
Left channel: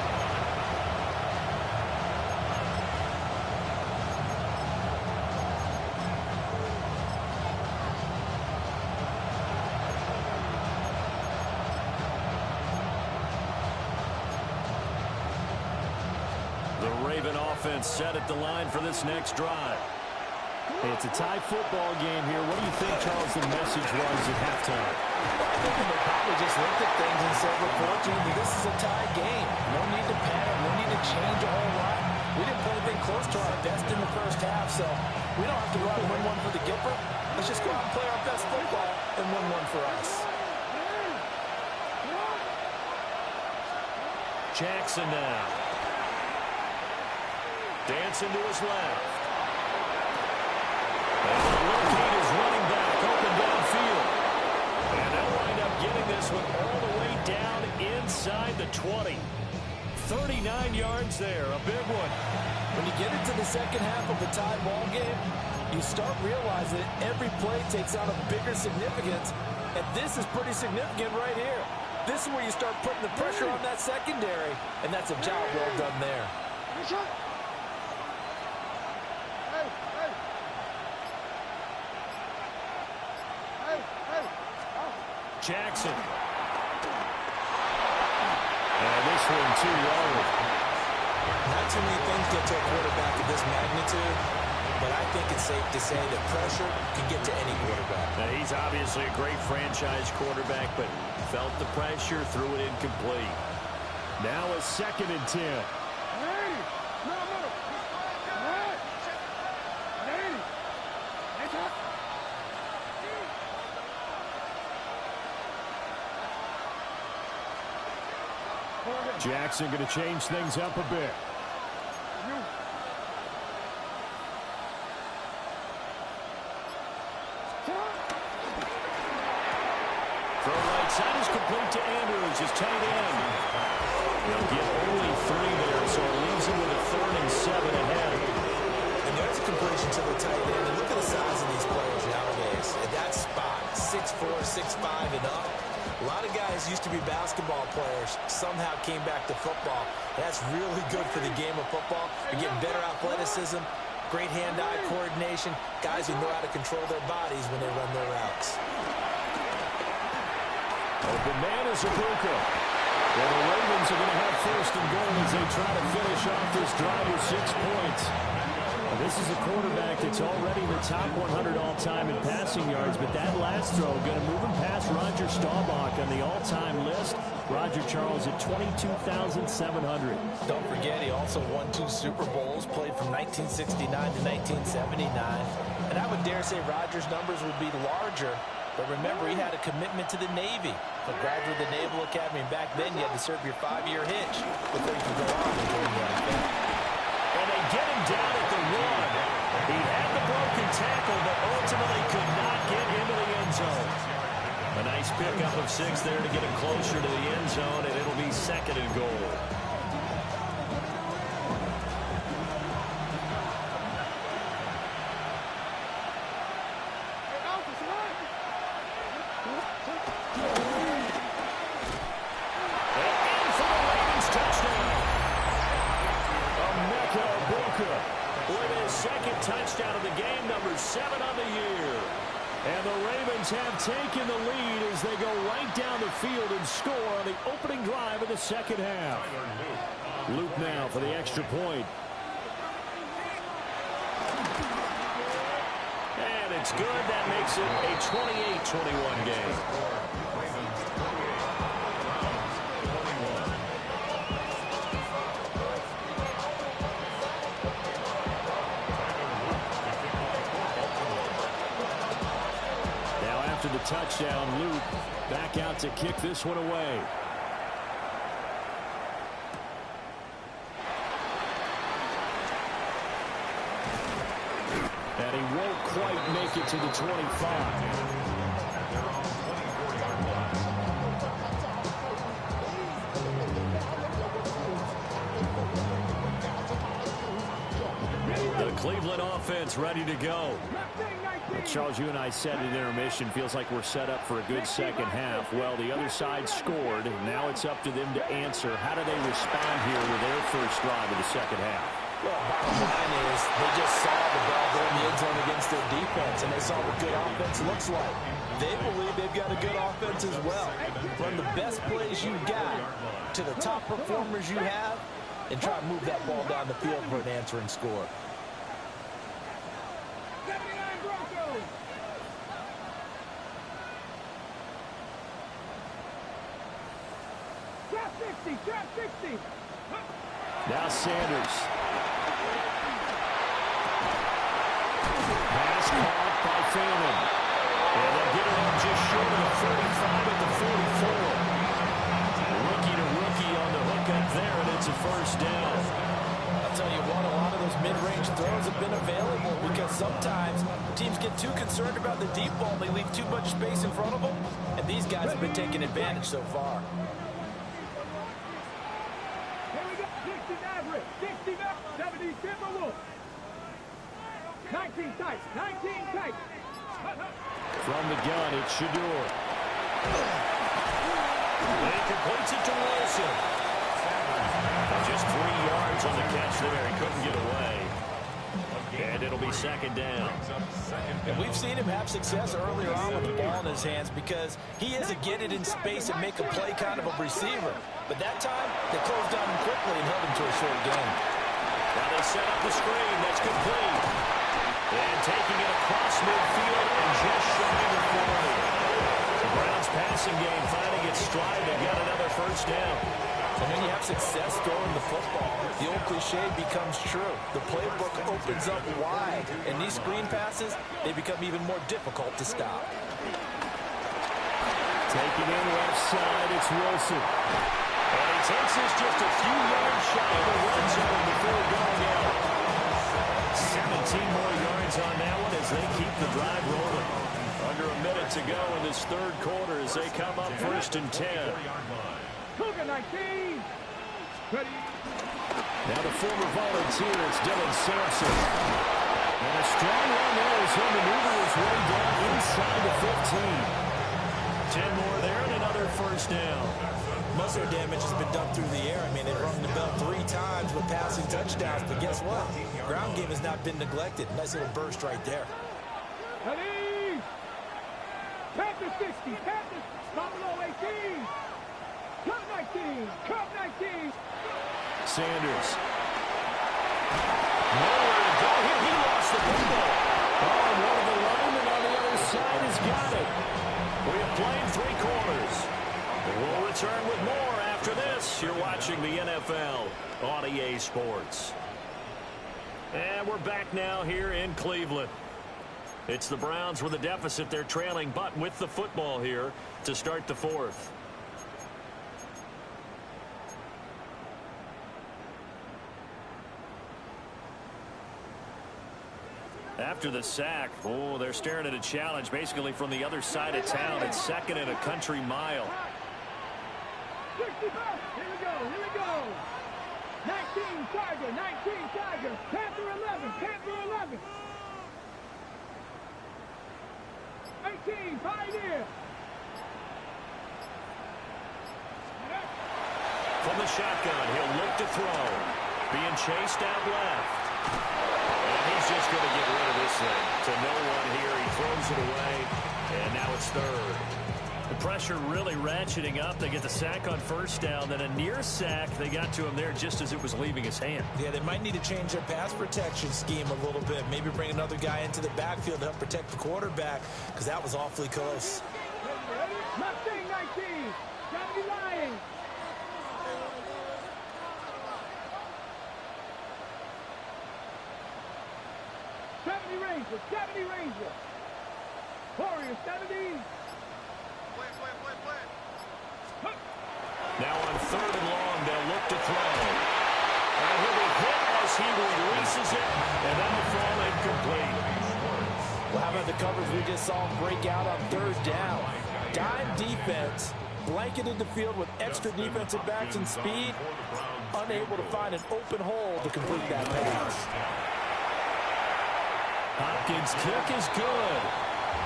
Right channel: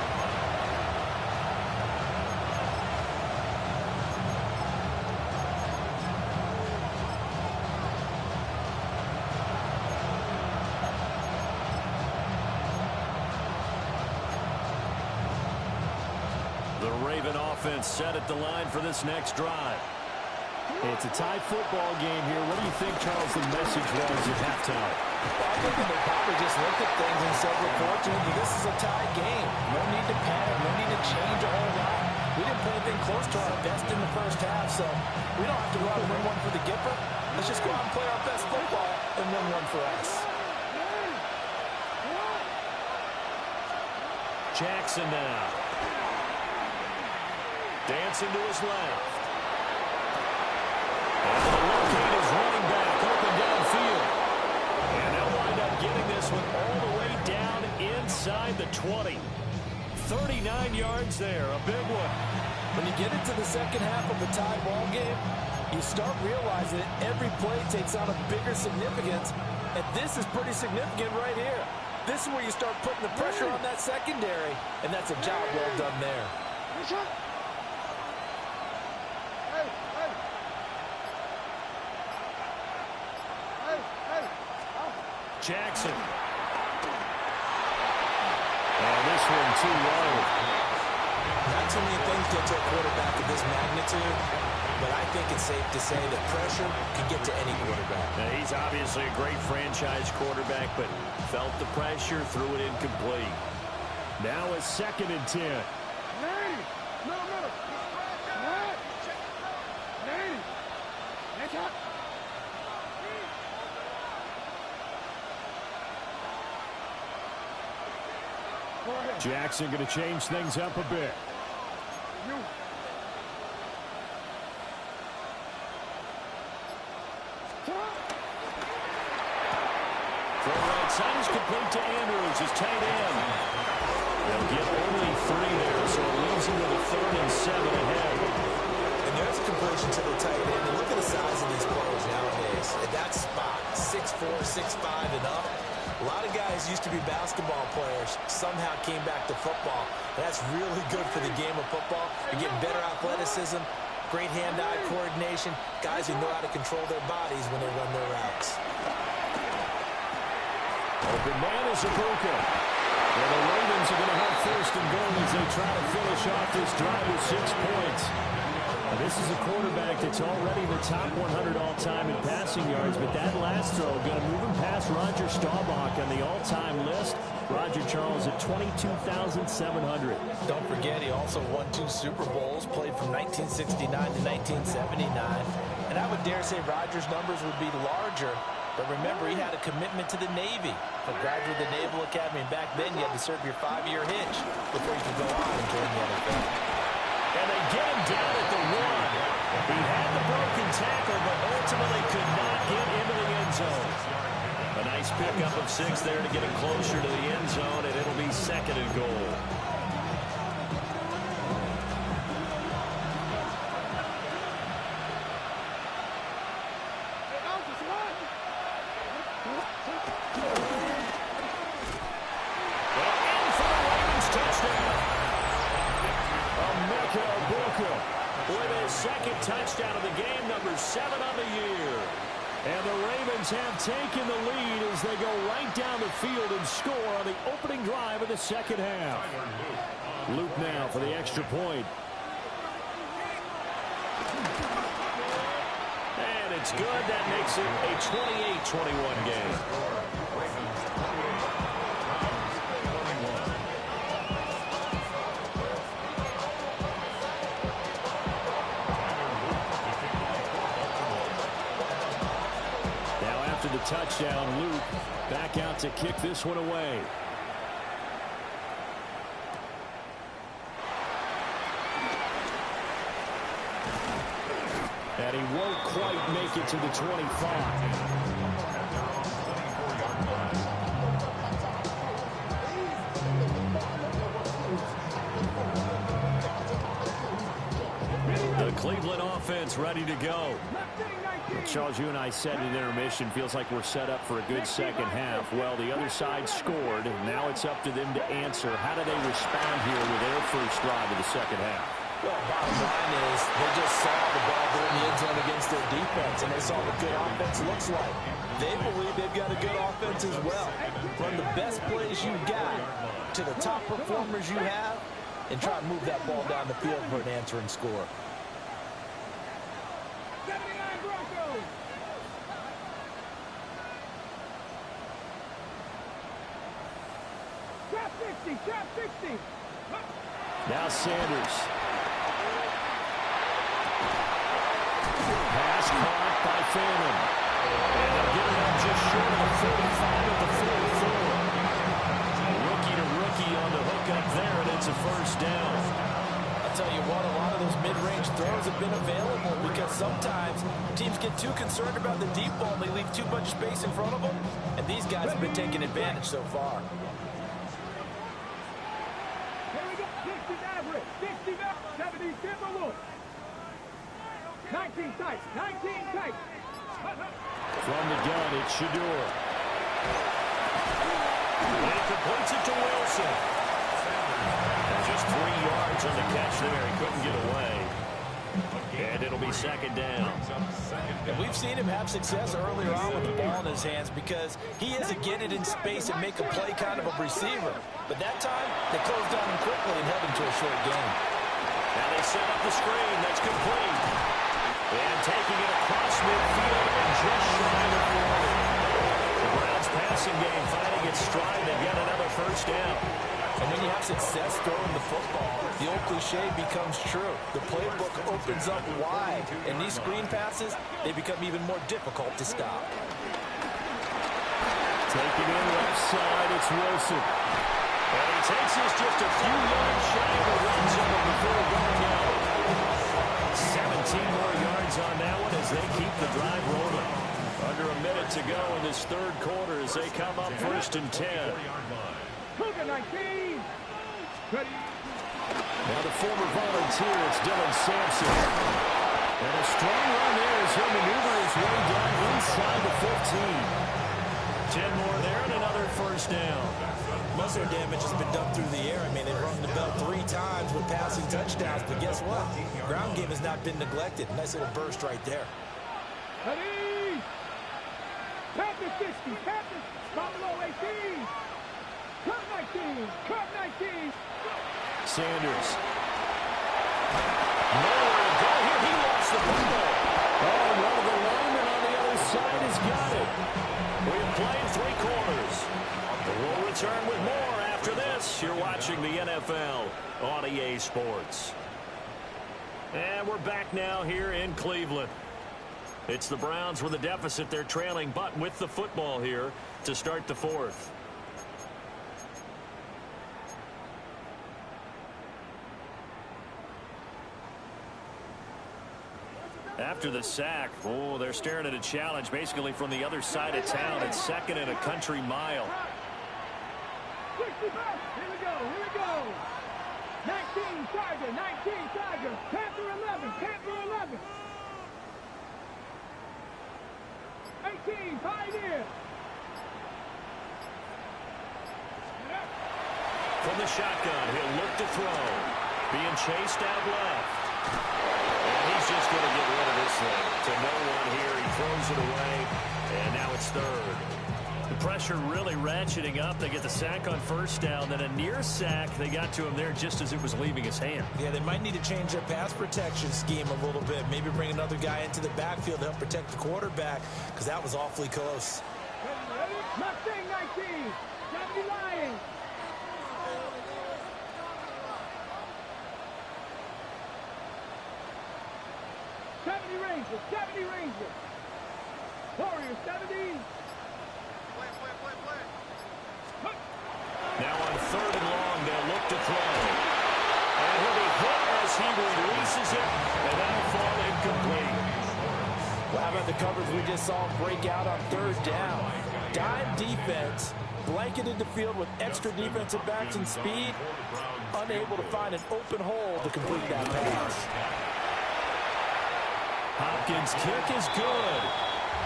The Raven offense set at the line for this next drive. It's a tie football game here. What do you think, Charles, the message was at halftime? Well, I think they probably just looked at things and said, look, fortunately, this is a tie game. No need to panic. No need to change a whole lot. We didn't play anything close to our best in the first half, so we don't have to go out and win one for the Gipper. Let's just go out and play our best football and win one for us. Jackson now. Dancing to his left. And the locate is running back, open downfield. And they'll wind up getting this one all the way down inside the 20. 39 yards there, a big one. When you get into the second half of a tie ball game, you start realizing that every play takes on a bigger significance. And this is pretty significant right here. This is where you start putting the pressure on that secondary. And that's a job well done there. Jackson. And this one too low. Not too many things get to a quarterback of this magnitude, but I think it's safe to say that pressure can get to any quarterback. Now, he's obviously a great franchise quarterback, but felt the pressure, threw it incomplete. Now a 2nd and 10. Jackson going to change things up a bit. Throw right side is complete to Andrews, his tight end. They'll get only 3 there, so it leaves them with a 3rd and 7 ahead. And there's a completion to the tight end. And look at the size of these players nowadays. At that spot, 6'4", 6'5", and up. A lot of guys used to be basketball players, somehow came back to football. That's really good for the game of football. You're getting better athleticism, great hand-eye coordination, guys who know how to control their bodies when they run their routes. Open man is Ibuka. And the Ravens are going to have 1st and goal as they try to finish off this drive with 6 points. Now, this is a quarterback that's already in the top 100 all-time in passing yards, but that last throw going to move him past Roger Staubach on the all-time list. Roger Charles at 22,700. Don't forget, he also won 2 Super Bowls, played from 1969 to 1979. And I would dare say Roger's numbers would be larger. But remember, he had a commitment to the Navy. A graduate of the Naval Academy. And back then, you had to serve your 5-year hitch before you could go on and join the NFL. And they get him down at the 1. He had the broken tackle, but ultimately could not get into the end zone. A nice pickup of 6 there to get him closer to the end zone, and it'll be 2nd and goal. With his 2nd touchdown of the game, number 7 on the year. And the Ravens have taken the lead as they go right down the field and score on the opening drive of the 2nd half. Luke now for the extra point. And it's good. That makes it a 28-21 game. After the touchdown, Luke back out to kick this one away. And he won't quite make it to the 25. At their own 24-yard line. The Cleveland offense ready to go. Charles, you and I said in intermission, feels like we're set up for a good 2nd half. Well, the other side scored. Now it's up to them to answer. How do they respond here with their first drive of the 2nd half? Well, bottom line is they just saw the ball go in the end zone against their defense, and they saw what good offense looks like. They believe they've got a good offense as well. Run the best plays you got to the top performers you have, and try to move that ball down the field for an answering score. 79 Broncos. Trap 60, trap 60. Now Sanders. Pass caught by Phelan. And they'll get it up just short of the 45 at the 44. Rookie to rookie on the hook up there, and it's a first down. I'll tell you what, a lot of those mid-range throws have been available because sometimes teams get too concerned about the deep ball and they leave too much space in front of them, and these guys have been taking advantage so far. Here we go. 60 Maverick, 60 Maverick, 70 Timberwolves. 19 tight, 19 tight. From the gun, it's Sheduer. And he completes it to Wilson. Just 3 yards on the catch there. He couldn't get away. And it'll be 2nd down. And we've seen him have success earlier on with the ball in his hands because he is a get it in space and make a play kind of a receiver. But that time, they closed on him quickly and held him to a short game. Now they set up the screen. That's complete. And taking it across midfield and just shy of the 40. The Browns passing game finding its stride. They've got another first down. And when you have success throwing the football, the old cliche becomes true. The playbook opens up wide, and these screen passes, they become even more difficult to stop. Taking in left side, it's Wilson. And he takes this just a few yards shy of the red zone before going out. 17 more yards on that one as they keep the drive rolling. Under a minute to go in this 3rd quarter as they come up 1st and 10. Cougar 19. Ready. Now the former volunteer, it's Dylan Sampson. And a strong run there as he'll maneuver his way down inside the 15. 10 more there and another first down. Most of their damage has been done through the air. I mean, they've rung the bell 3 times with passing touchdowns, but guess what? Ground game has not been neglected. Nice little burst right there. Ready. Panthers 60. Panthers. Buffalo 18. Cup 19. Cup 19. Sanders. Nowhere to go here. He lost the football. Oh, and one of the linemen on the other side has got it. We have played 3 quarters. We'll return with more after this. You're watching the NFL on EA Sports. And we're back now here in Cleveland. It's the Browns with a deficit. They're trailing, but with the football here to start the 4th. After the sack, oh, they're staring at a challenge basically from the other side of town. It's second and a country mile. 65. Here we go. Here we go. 19 Tiger. 19 Tiger. Panther 11. Panther 11. 18 Pioneer. From the shotgun, he'll look to throw. Being chased out left. And he's just going to get rid of this thing to no one here. He throws it away, and now it's third. The pressure really ratcheting up. They get the sack on first down, then a near sack. They got to him there just as it was leaving his hand. Yeah, they might need to change their pass protection scheme a little bit. Maybe bring another guy into the backfield to help protect the quarterback, because that was awfully close. Mustang 19. 70 Lions. Ranger, 70 Ranger. Warrior 70. Now on third and long, they'll look to throw. And he'll be hit as he releases it, and that'll fall incomplete. Well, how about the coverage we just saw him break out on third down? Dime defense, blanketed the field with extra defensive backs and speed, unable to find an open hole to complete that pass. Hopkins' kick is good,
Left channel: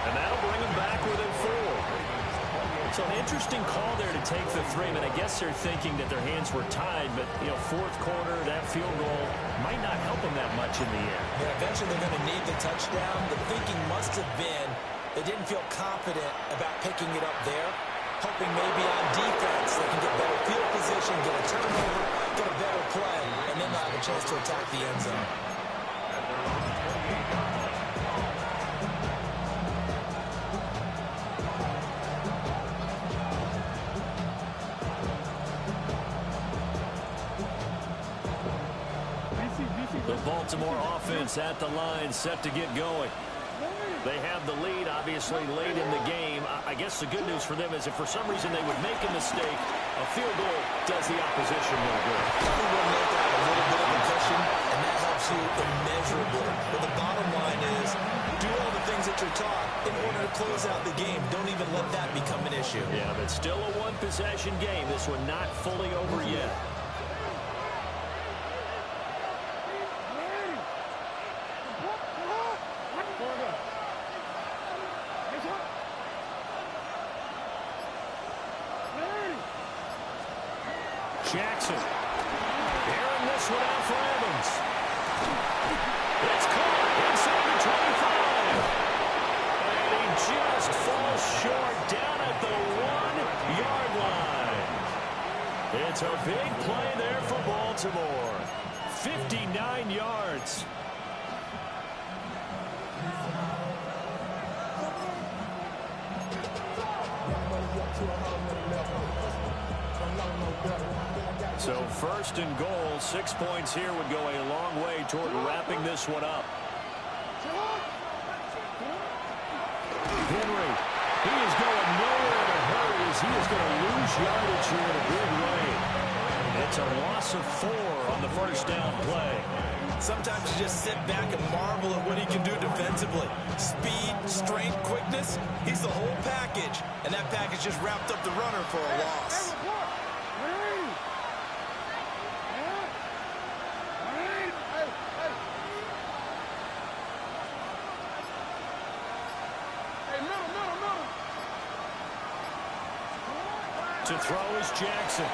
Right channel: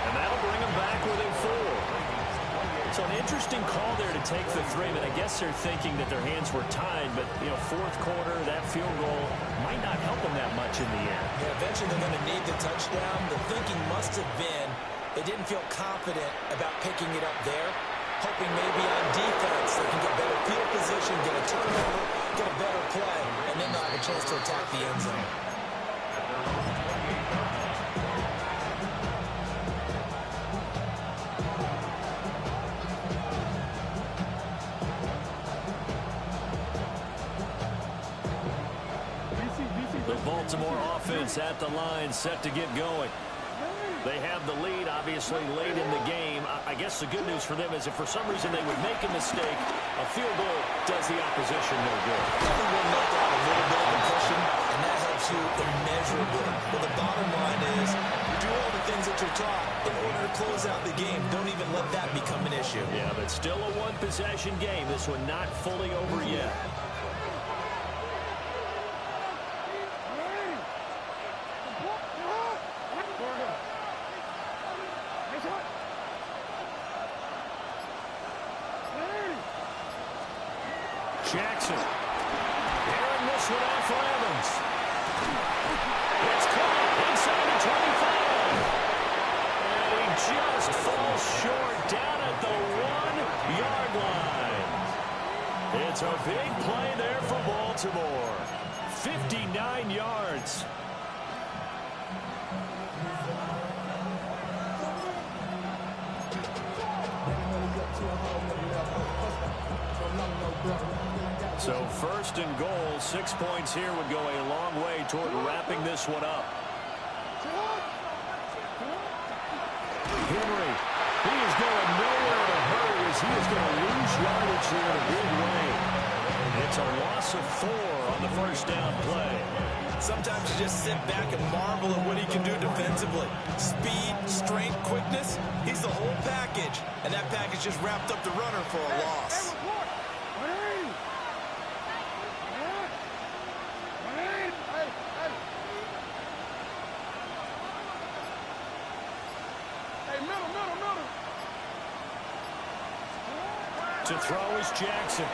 and that'll bring him back within 4. So an interesting call there to take the 3. I mean, I guess they're thinking that their hands were tied, but, you know, fourth quarter, that field goal might not help them that much in the end. Yeah, eventually they're going to need the touchdown. The thinking must have been they didn't feel confident about picking it up there, hoping maybe on defense they can get better field position, get a turnover, get a better play, and then they'll have a chance to attack the end zone. The Baltimore offense at the line, set to get going. They have the lead, obviously, late in the game. I guess the good news for them is if for some reason they would make a mistake, a field goal does the opposition no good. Everyone knows to have a little bit of a cushion, and that helps you immeasurably. But the bottom line is, do all the things that you're taught in order to close out the game. Don't even let that become an issue. Yeah, but still a one-possession game. This one not fully over yet. Jackson. Airing this one out for Evans. It's caught inside the 25. And he just falls short down at the 1-yard line. It's a big play there for Baltimore. 59 yards. So first and goal, 6 points here would go a long way toward wrapping this one up. Henry, he is going nowhere in a hurry as he is going to lose yardage here in a big way. It's a loss of 4 on the first down play. Sometimes you just sit back and marvel at what he can do defensively. Speed, strength, quickness, he's the whole package. And that package just wrapped up the runner for a loss. To throw is Jackson. And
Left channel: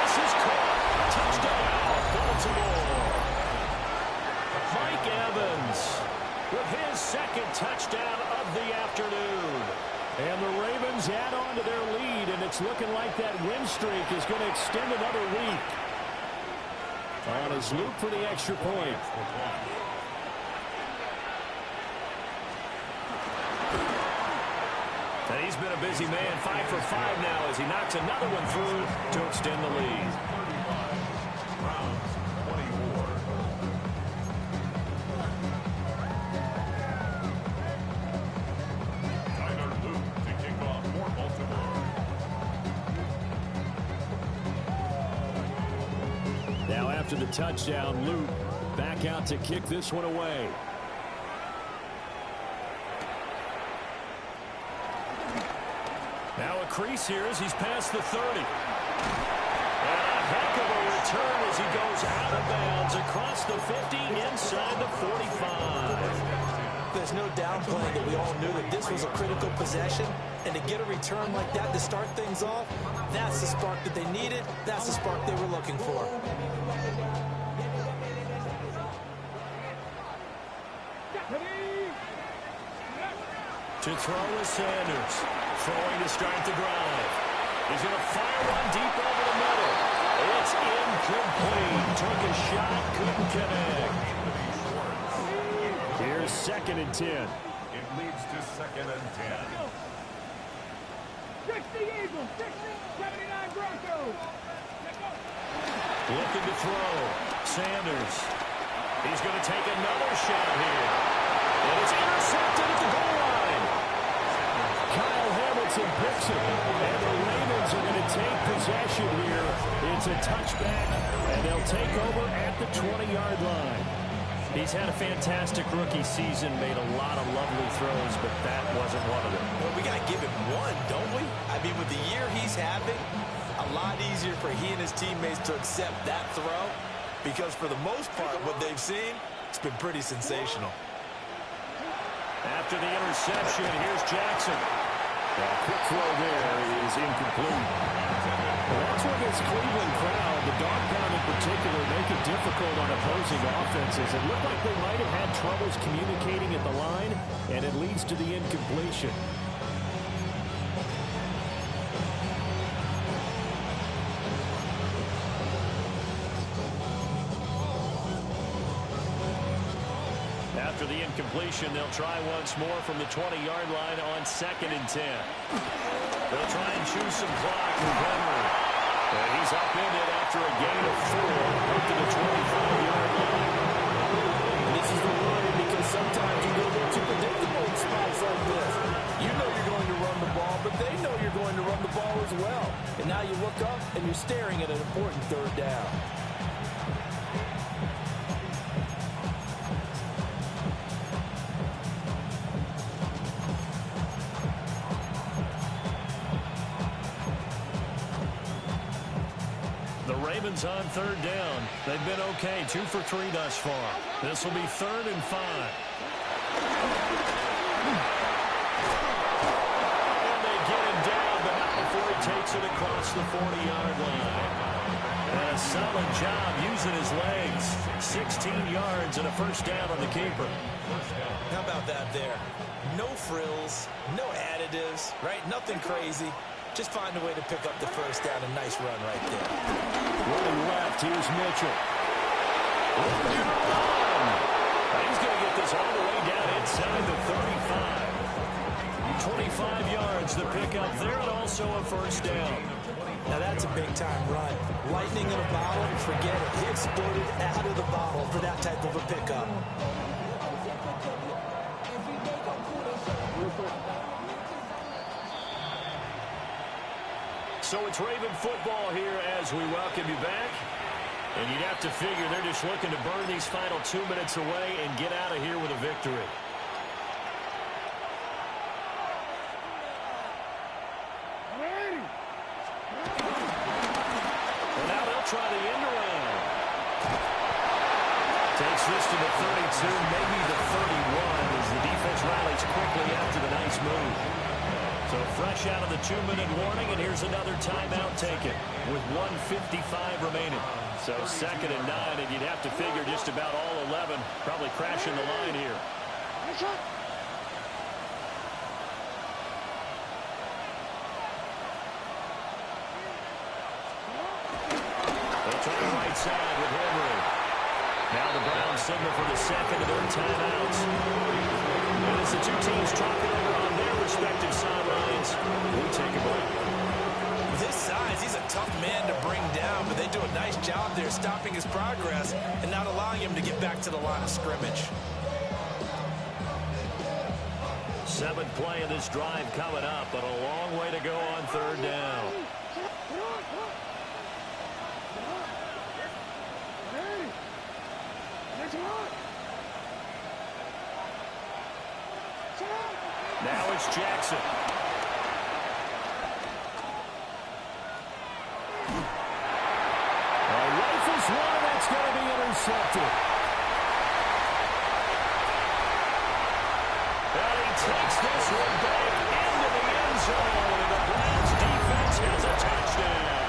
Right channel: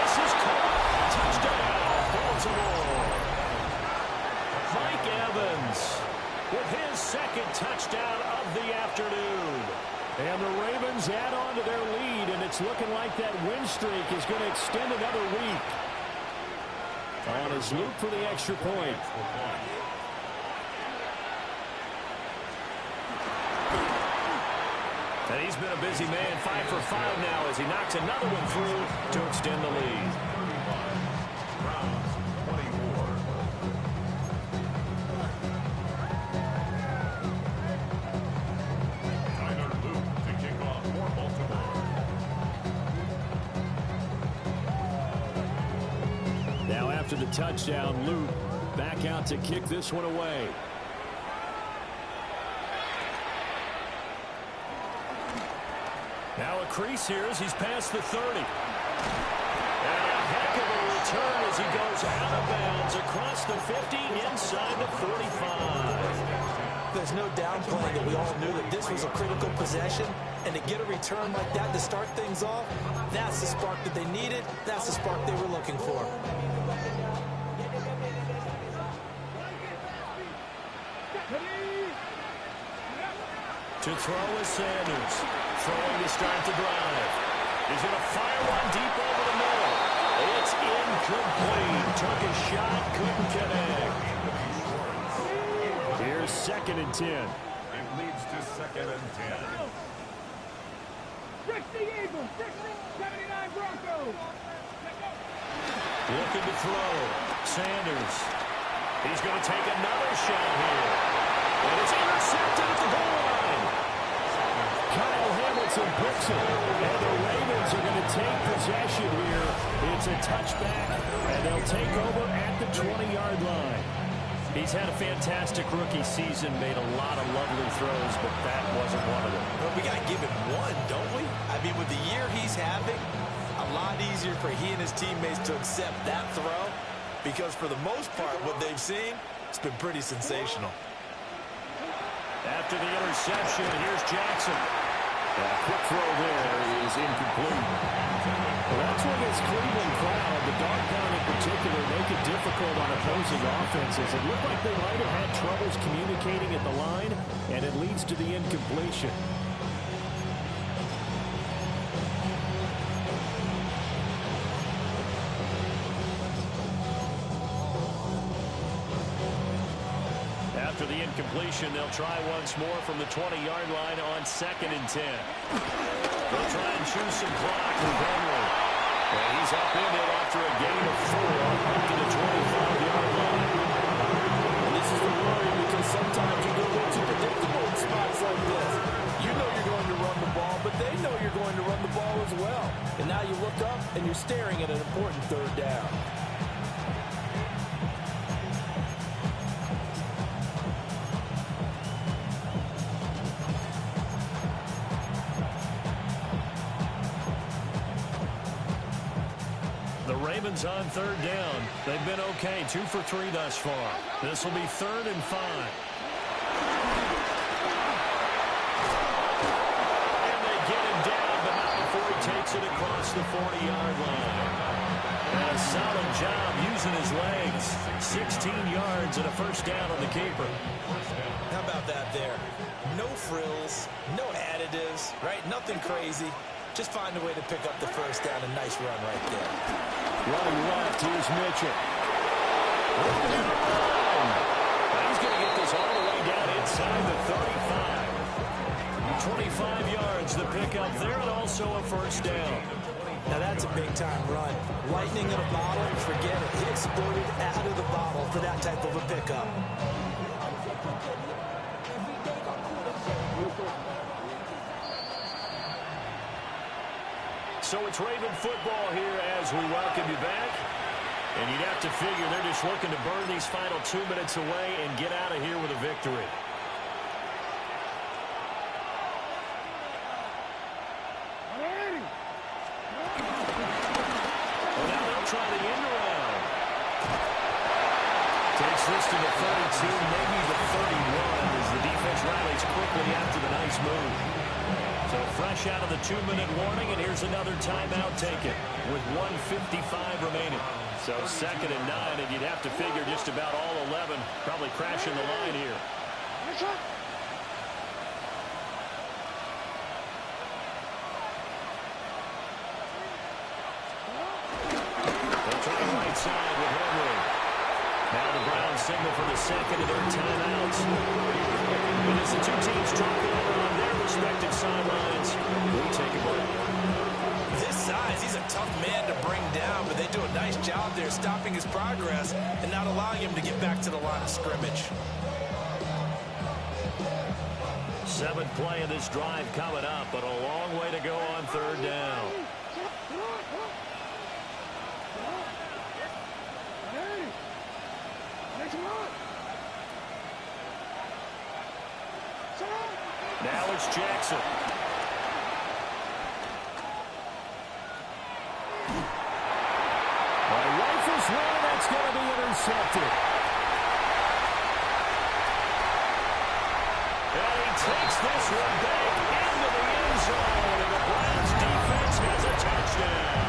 this is caught. Touchdown, Baltimore. Mike Evans with his second touchdown of the afternoon. And the Ravens add on to their lead, and it's looking like that win streak is going to extend another week. On his loop for the extra point. And he's been a busy man, 5 for 5 now as he knocks another one through to extend the lead. Browns 24. Tyler Luke to kick off for Baltimore. Now after the touchdown, Luke back out to kick this one away. Now a crease here as he's past the 30. And a heck of a return as he goes out of bounds across the 50 inside the 45. There's no downplaying that we all knew that this was a critical possession. And to get a return like that to start things off, that's the spark that they needed. That's the spark they were looking for. To throw is Sanders. Throwing to start the drive. He's going to fire one deep over the middle. It's incomplete. Took a shot, couldn't connect. Here's 2nd and 10. It leads to 2nd and 10. 60 Eagles, 79 Broncos. Looking to throw. Sanders. He's going to take another shot here. And it's intercepted at the goal line. Kyle Hamilton picks it. And the Ravens are going to take possession here. It's a touchback, and they'll take over at the 20-yard line. He's had a fantastic rookie season, made a lot of lovely throws, but that wasn't one of them. Well, we got to give him one, don't we? I mean, with the year he's having, a lot easier for he and his teammates to accept that throw, because for the most part, what they've seen, it's been pretty sensational. After the interception, here's Jackson. That quick throw there is incomplete. Well, that's what this Cleveland crowd, the dog pound in particular, make it difficult on opposing offenses. It looked like they might have had troubles communicating at the line, and it leads to the incompletion. After the incompletion, they'll try once more from the 20-yard line on 2nd and 10. They'll try and choose some clock with Henry. And he's up in it after a gain of 4 up to the 25-yard line. And this is the worry, because sometimes you go a little too predictable in spots like this. You know you're going to run the ball, but they know you're going to run the ball as well. And now you look up, and you're staring at an important 3rd down. The Ravens on 3rd down. They've been okay, 2 for 3 thus far. This will be 3rd and 5. And they get him down, but not before he takes it across the 40-yard line. And a solid job using his legs. 16 yards and a 1st down on the keeper. How about that there? No frills, no additives, right? Nothing crazy. Just find a way to pick up the 1st down. A nice run right there. Running left, here's Mitchell. Looking to run. He's going to get this all the way down inside the 35. 25 yards the pickup there, and also a 1st down. Now that's a big-time run. Lightning in a bottle, forget it. He exploded out of the bottle for that type of a pickup. So it's Raven football here as we welcome you back. And you'd have to figure they're just looking to burn these final 2 minutes away and get out of here with a victory. Well, now they'll try the end around. Takes this to the 32, maybe the 31, as the defense rallies quickly after the nice move. So fresh out of the 2-minute warning, and here's another timeout taken with 1:55 remaining. So 2nd and 9, and you'd have to figure just about all 11 probably crashing the line here. They'll try the right side with Henry. Now the Browns signal for the 2nd of their timeouts. And as the 2 teams talking over on their respective sidelines, we take a break. This size, he's a tough man to bring down, but they do a nice job there stopping his progress and not allowing him to get back to the line of scrimmage. 7th play of this drive coming up, but a long way to go on 3rd down. Now it's Jackson. Rifles one, that's going to be intercepted. And he takes this one back into the end zone, and the Browns defense has a touchdown.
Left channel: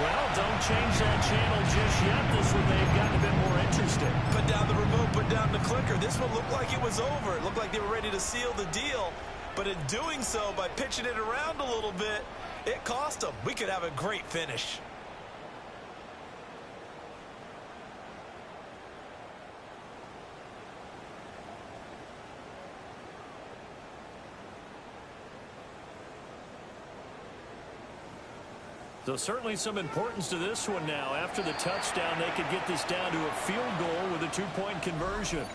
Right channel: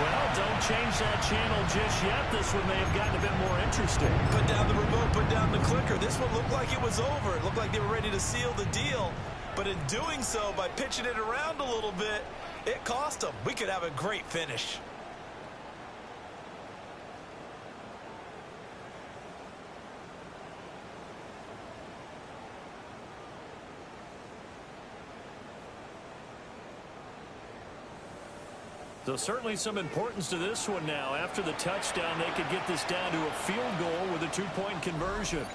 Well, don't change that channel just yet. This one may have gotten a bit more interesting. Put down the remote, put down the clicker. This one looked like it was over. It looked like they were ready to seal the deal. But in doing so, by pitching it around a little bit, it cost them. We could have a great finish. So certainly some importance to this one now. After the touchdown, they could get this down to a field goal with a two-point conversion.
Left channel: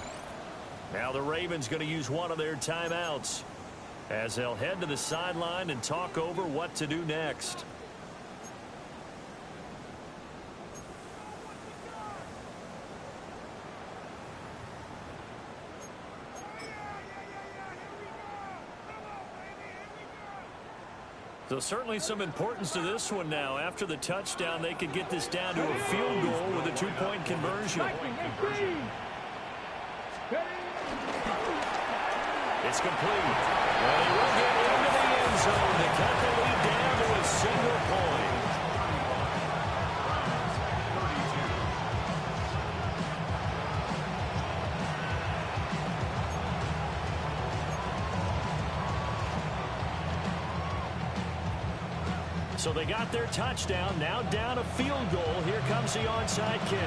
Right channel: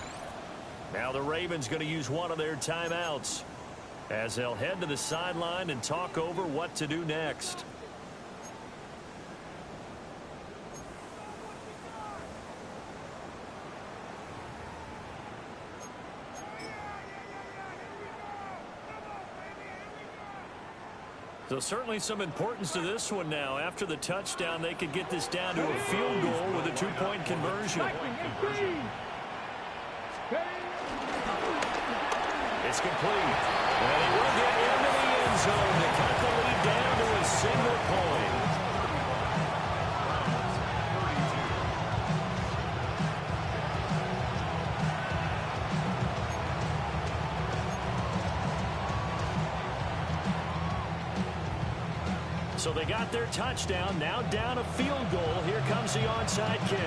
Now the Ravens going to use one of their timeouts as they'll head to the sideline and talk over what to do next. So certainly some importance to this one now. After the touchdown, they could get this down to a field goal with a two-point conversion. It's complete. And he will get into the end zone to cut the lead down to a single point. So they got their touchdown, now down a field goal. Here comes the onside kick.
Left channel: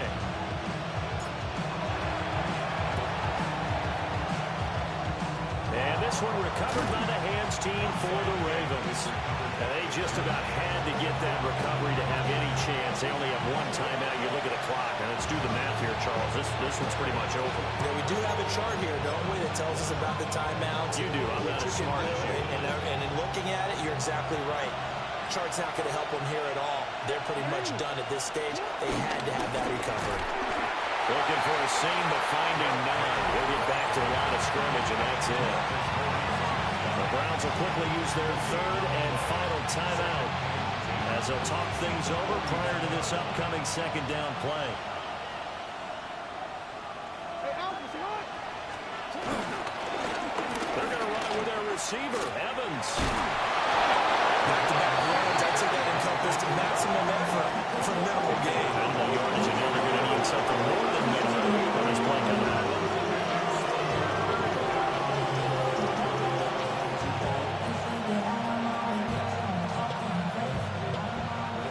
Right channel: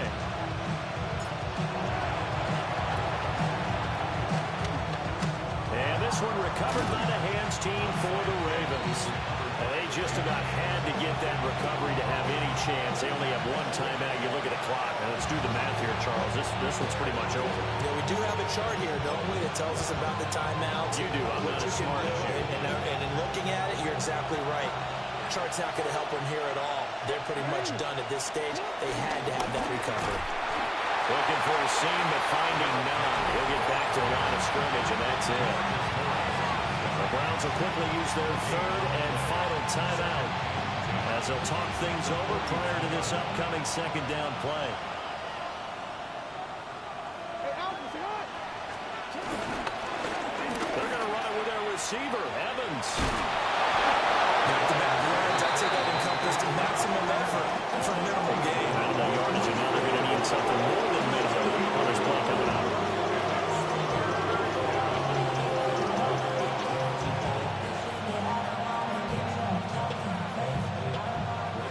And this one recovered by the hands team for the Ravens. And they just about had to get that recovery to have any chance. They only have one timeout. You look at the clock, and let's do the math here, Charles. This one's pretty much over. Yeah, we do have a chart here, don't we, that tells us about the timeouts. You do. I'm not as smart as you. And in looking at it, you're exactly right. Chart's not going to help them here at all. They're pretty much done at this stage. They had to have that recovery. Looking for a seam, but finding none. He'll get back to the line of scrimmage, and that's it. The Browns will quickly use their third and final timeout as they'll talk things over prior to this upcoming second down play. They're going to run it with their receiver, Evans. Back-to-back runs, I'd say that encompassed maximum effort for minimal gain. Minimal yardage, and now they're going to need something more than minimal on this play coming up.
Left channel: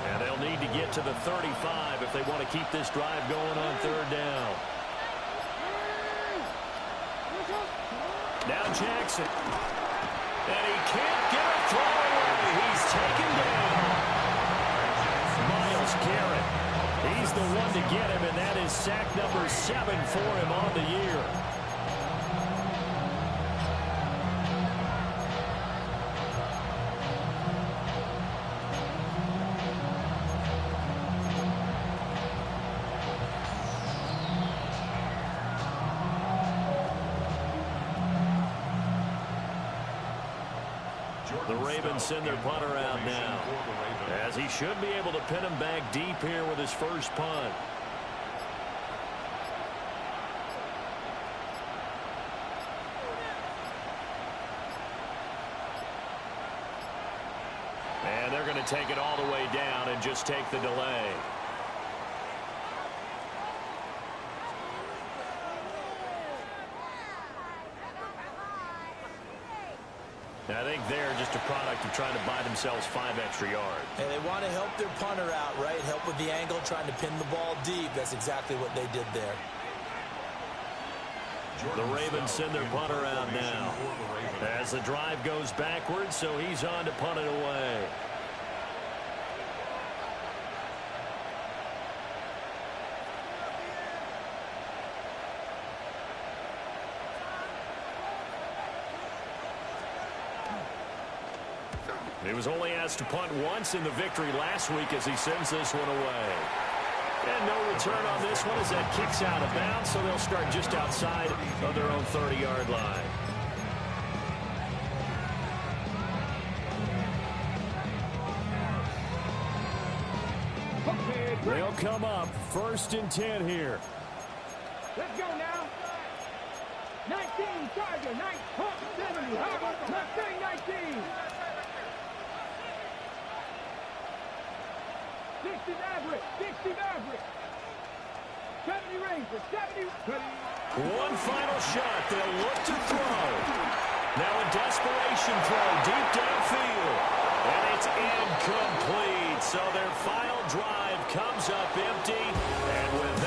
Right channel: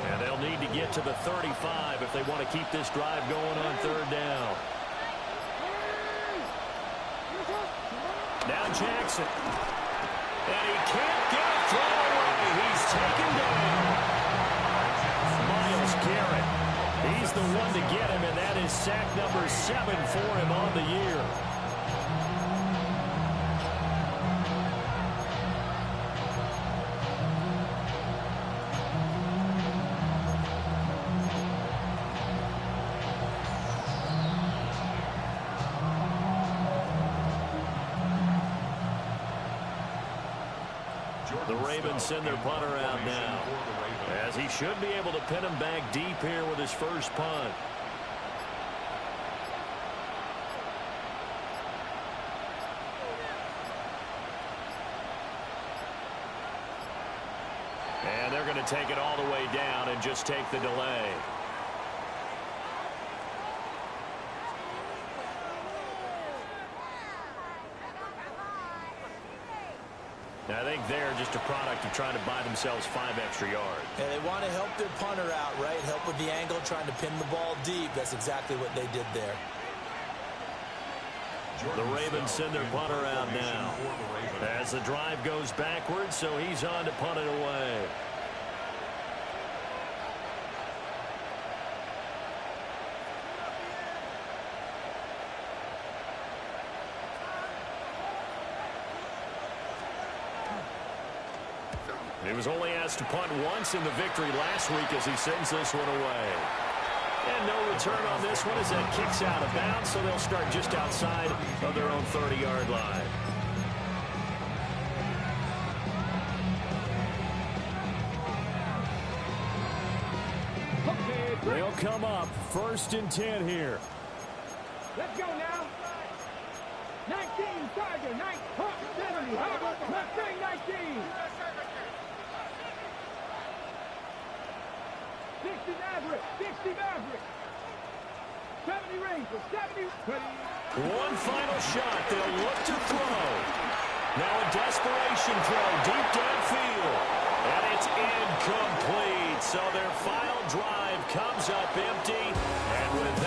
And they'll need to get to the 35 if they want to keep this drive going on third down. Now Jackson. And he can't get a throw away. He's taken down. Myles Garrett. He's the one to get him, and that is sack number 7 for him on the year. The Ravens send their punter out now, as he should be able to pin him back deep here with his first punt. And they're going to take it all the way down and just take the delay. I think they're just a product of trying to buy themselves 5 extra yards. And they want to help their punter out, right? Help with the angle, trying to pin the ball deep. That's exactly what they did there. The Ravens send their punter out now as the drive goes backwards, so he's on to punt it away. He was only asked to punt once in the victory last week as he sends this one away. And no return on this one as that kicks out of bounds, so they'll start just outside of their own 30-yard line. They'll come up 1st and 10 here. Let's go now. 19, Charger, 9, 70, Mustang 19. 60 Maverick, 60 Maverick. 70 Ranger, 70. One final shot. They'll look to throw. Now a desperation throw deep downfield. And it's incomplete. So their final drive comes up empty. And with